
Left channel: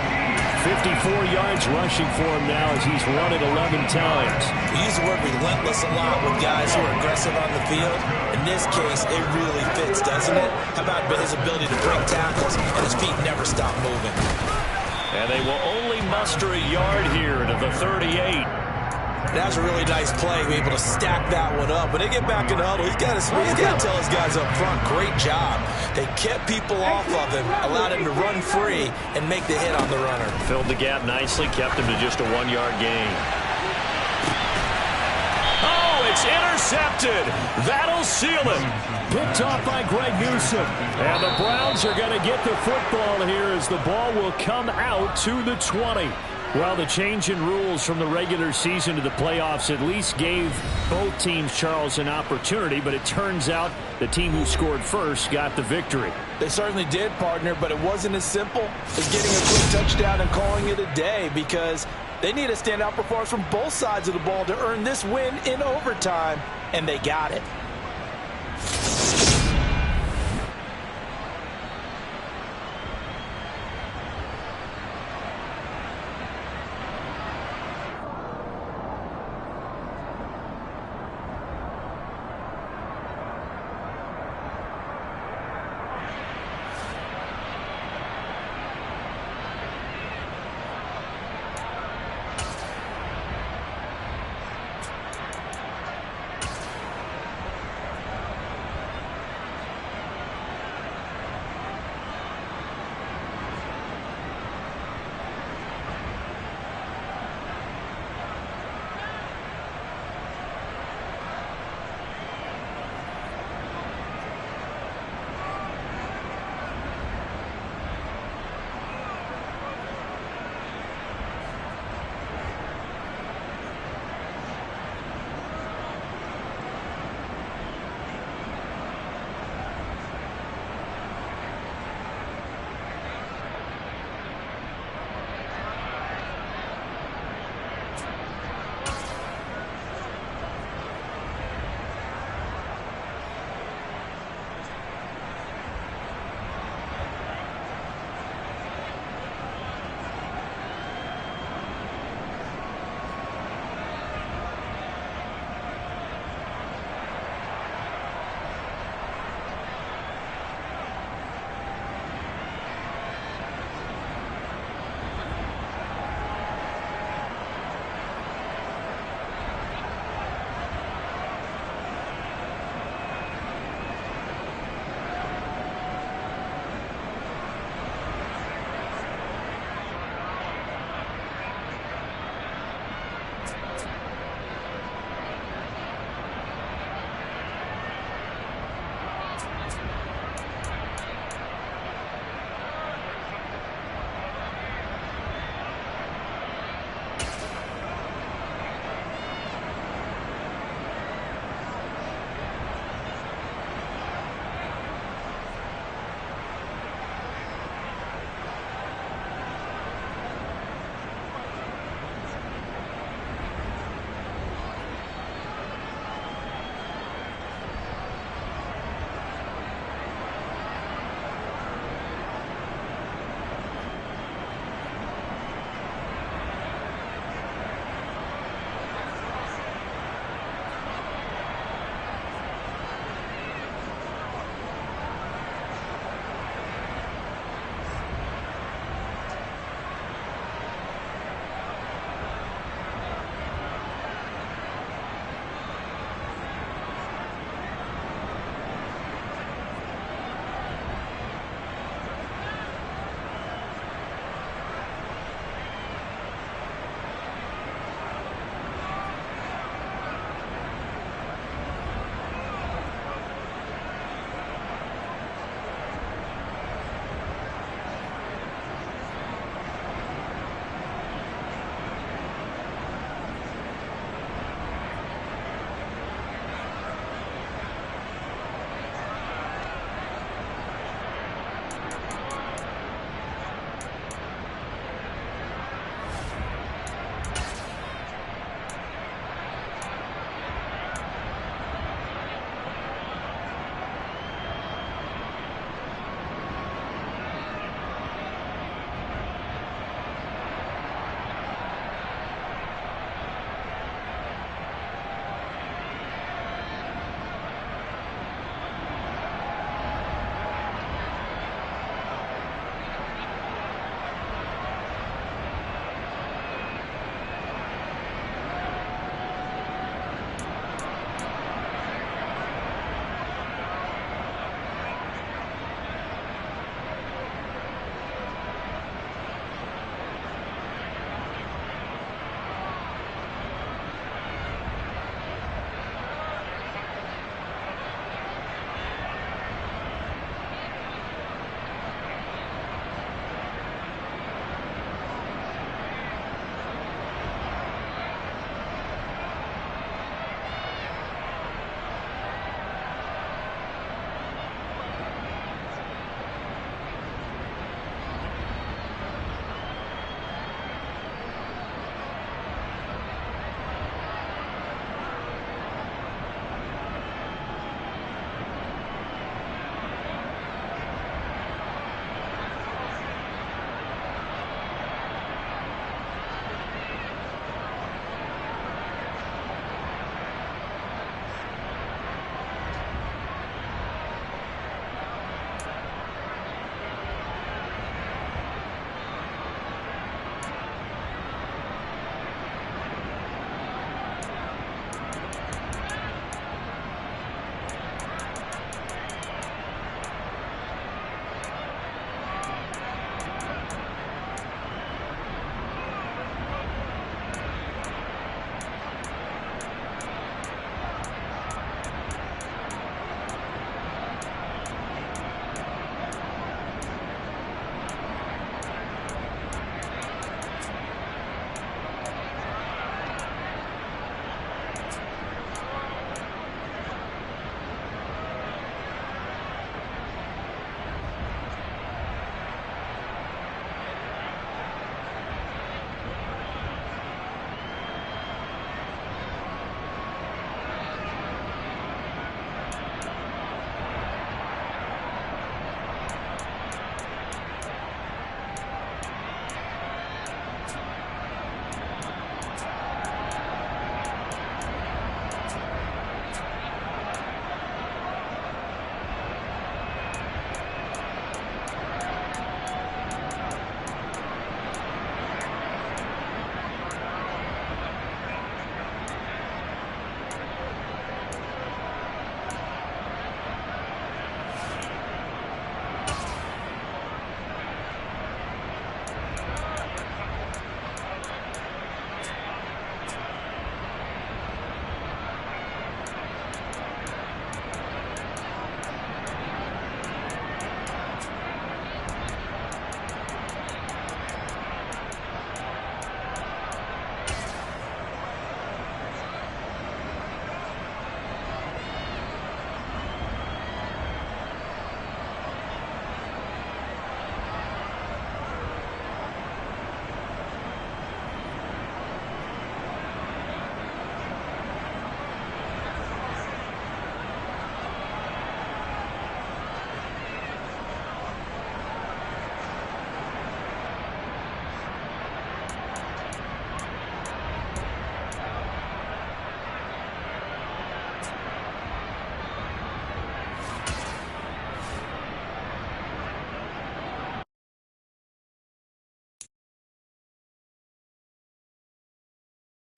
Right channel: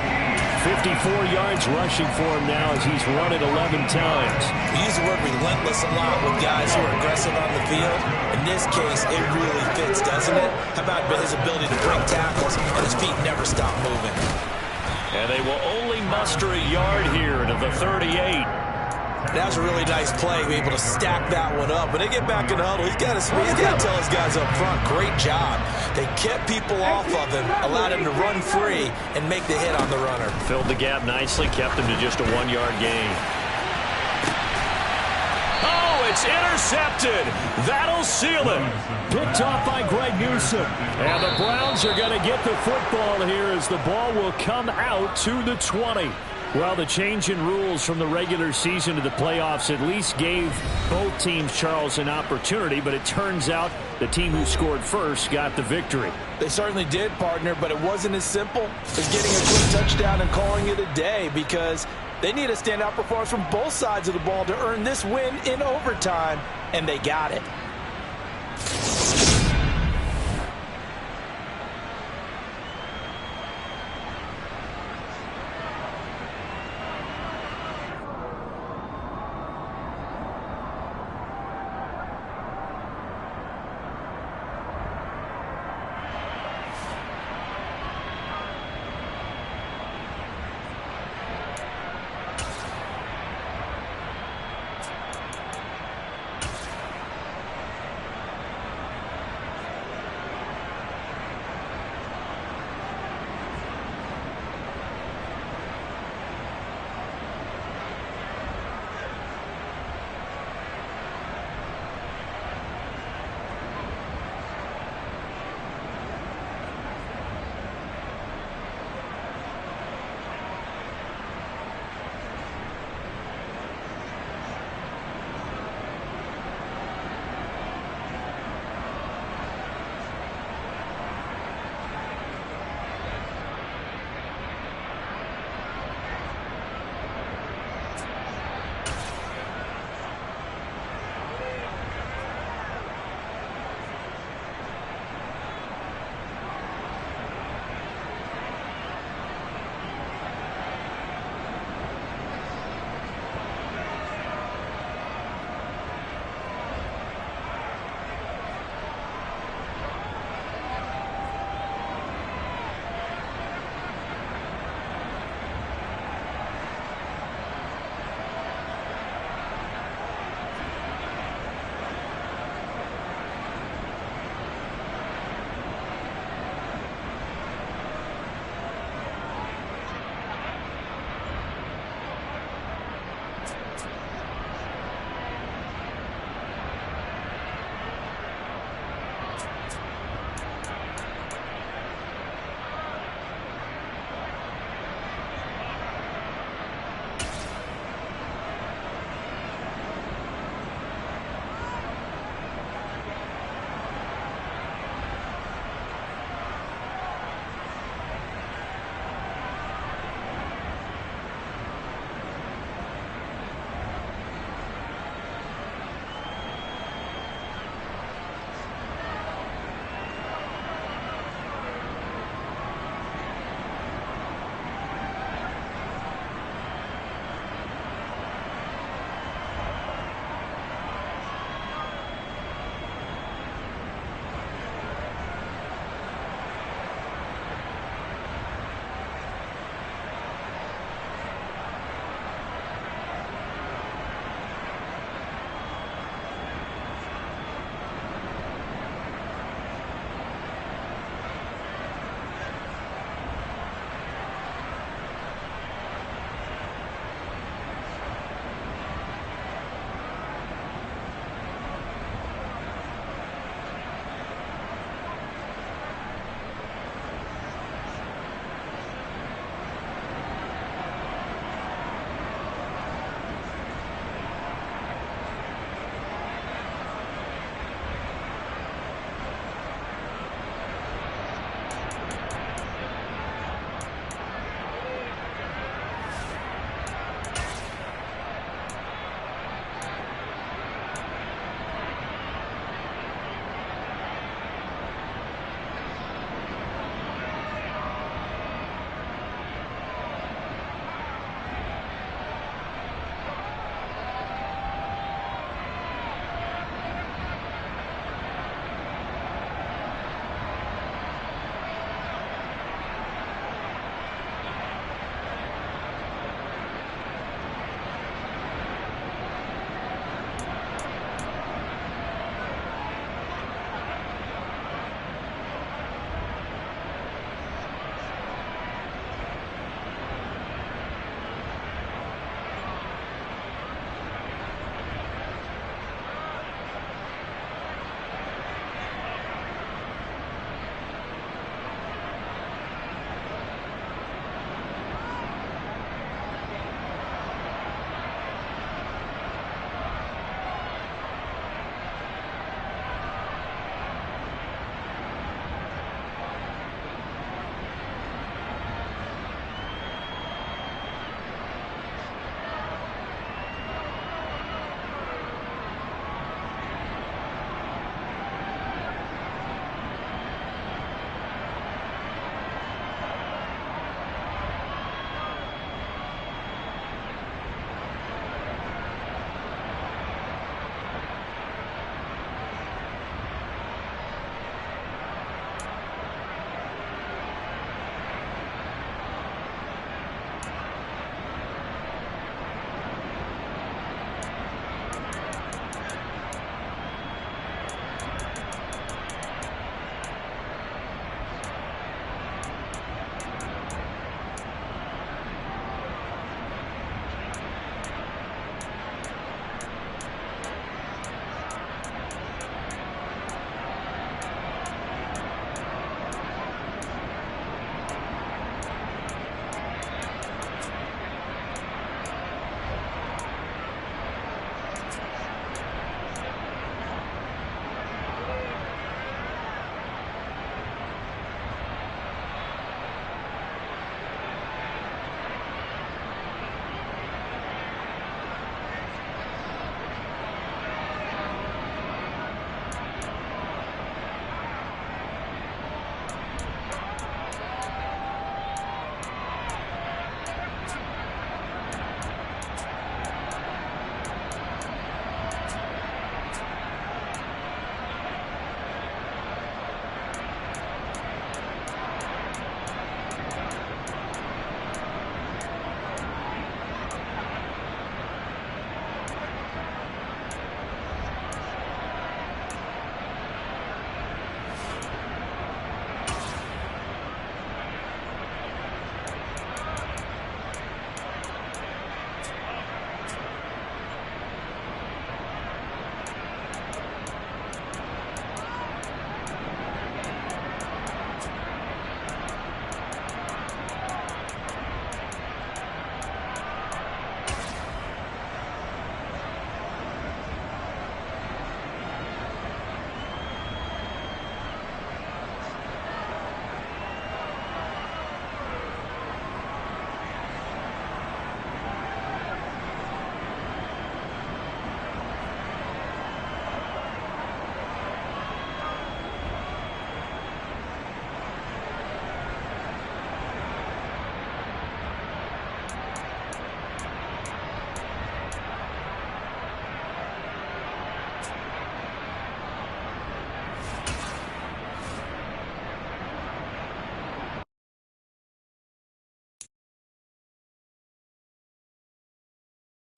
54 yards rushing for him now as he's run it 11 times. We use the word relentless a lot with guys who are aggressive on the field. In this case, it really fits, doesn't it? How about his ability to break tackles and his feet never stop moving? And they will only muster a yard here to the 38. That was a really nice play, be able to stack that one up. When they get back in the huddle, he's got to tell his guys up front, great job. They kept people off of him, allowed him to run free and make the hit on the runner. Filled the gap nicely, kept him to just a 1-yard gain. Oh, it's intercepted. That'll seal it. Picked off by Greg Newsome. And the Browns are going to get the football here as the ball will come out to the 20. Well, the change in rules from the regular season to the playoffs at least gave both teams, Charles, an opportunity, but it turns out the team who scored first got the victory. They certainly did, partner, but it wasn't as simple as getting a quick touchdown and calling it a day because they need a standout performance from both sides of the ball to earn this win in overtime, and they got it.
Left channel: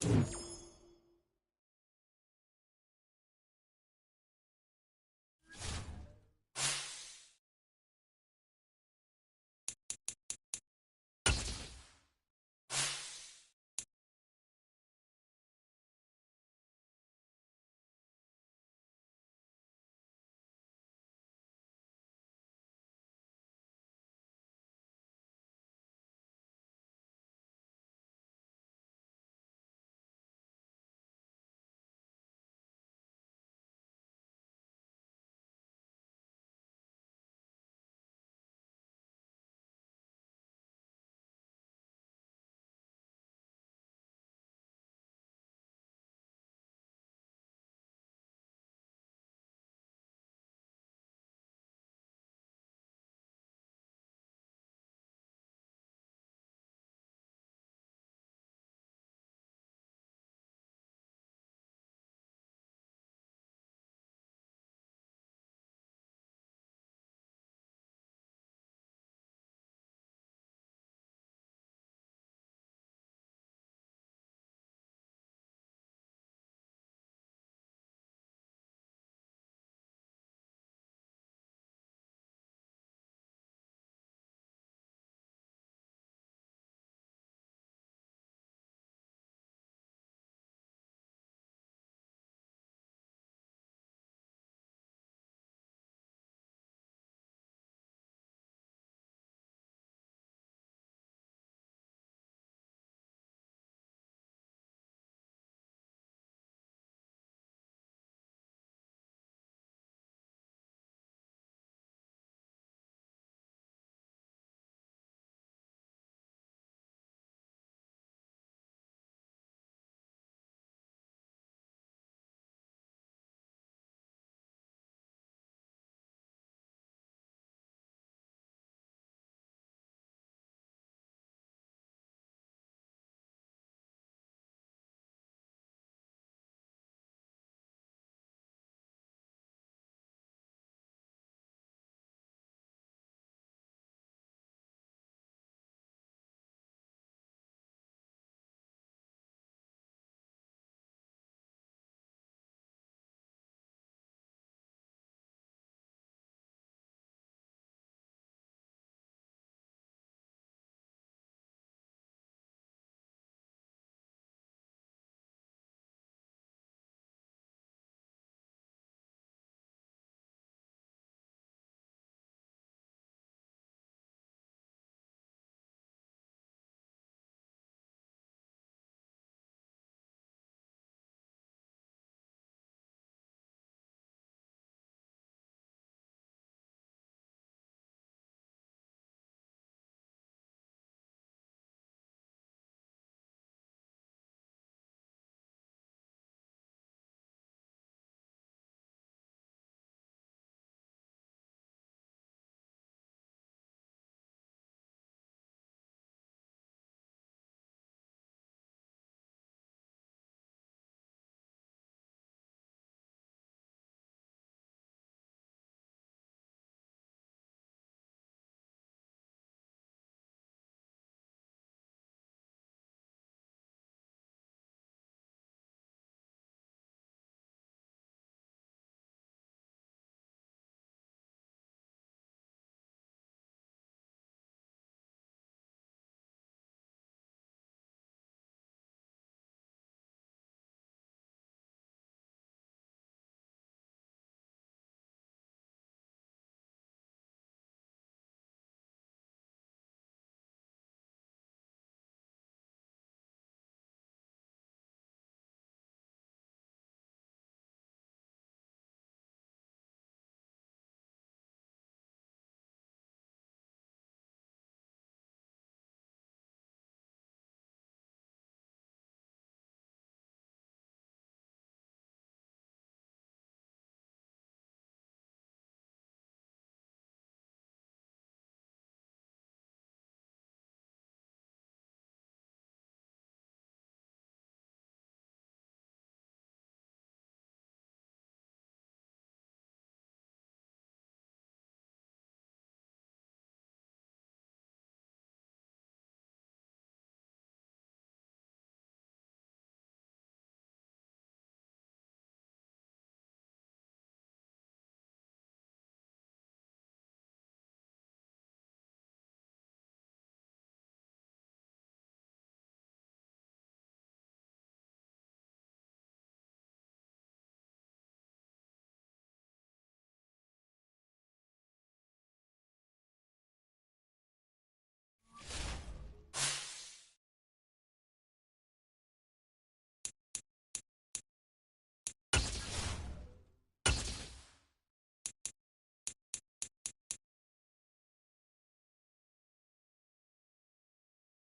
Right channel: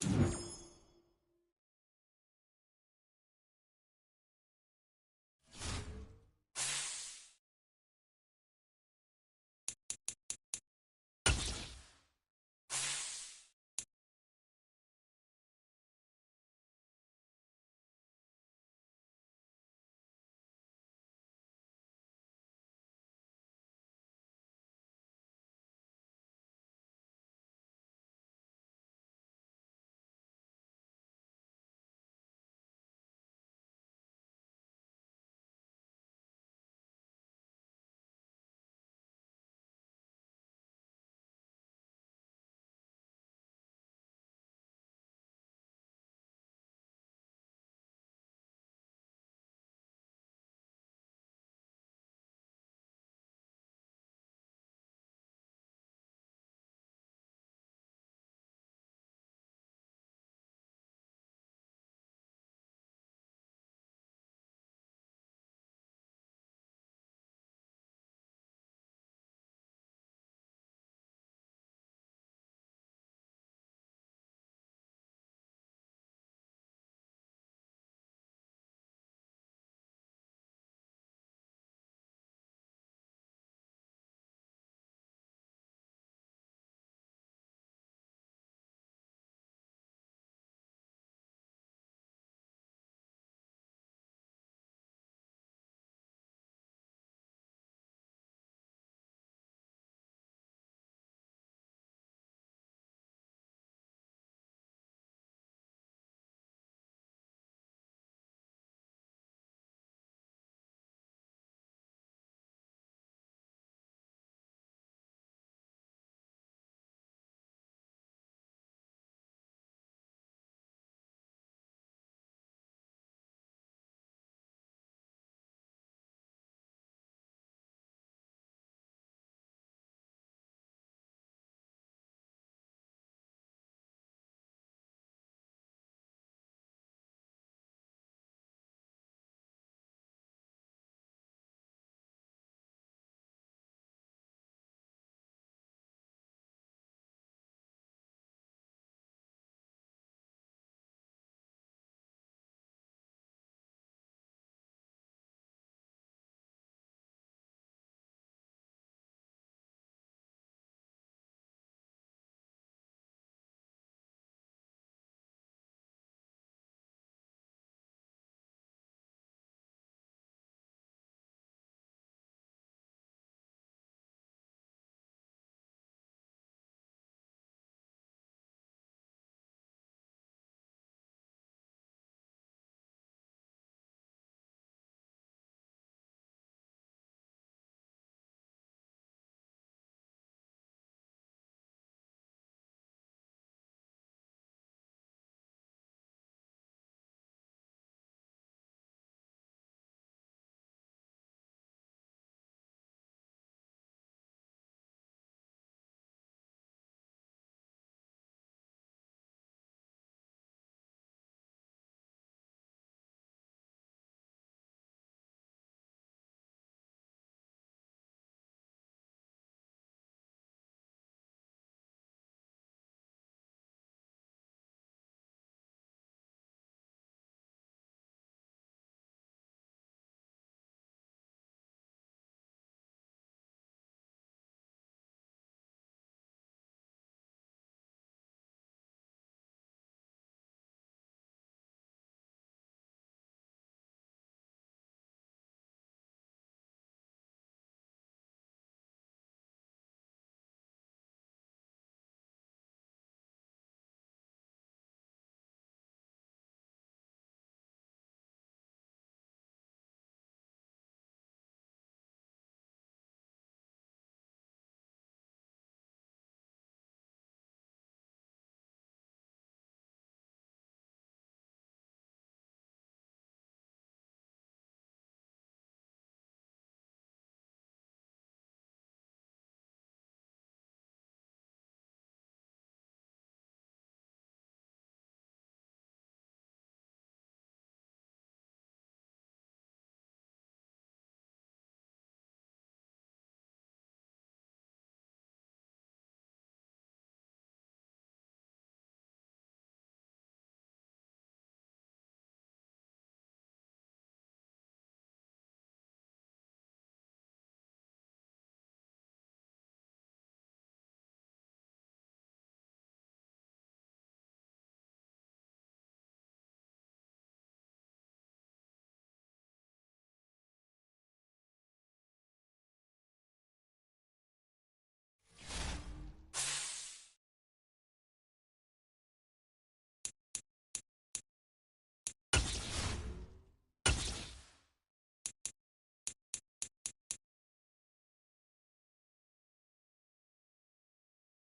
Jaguars.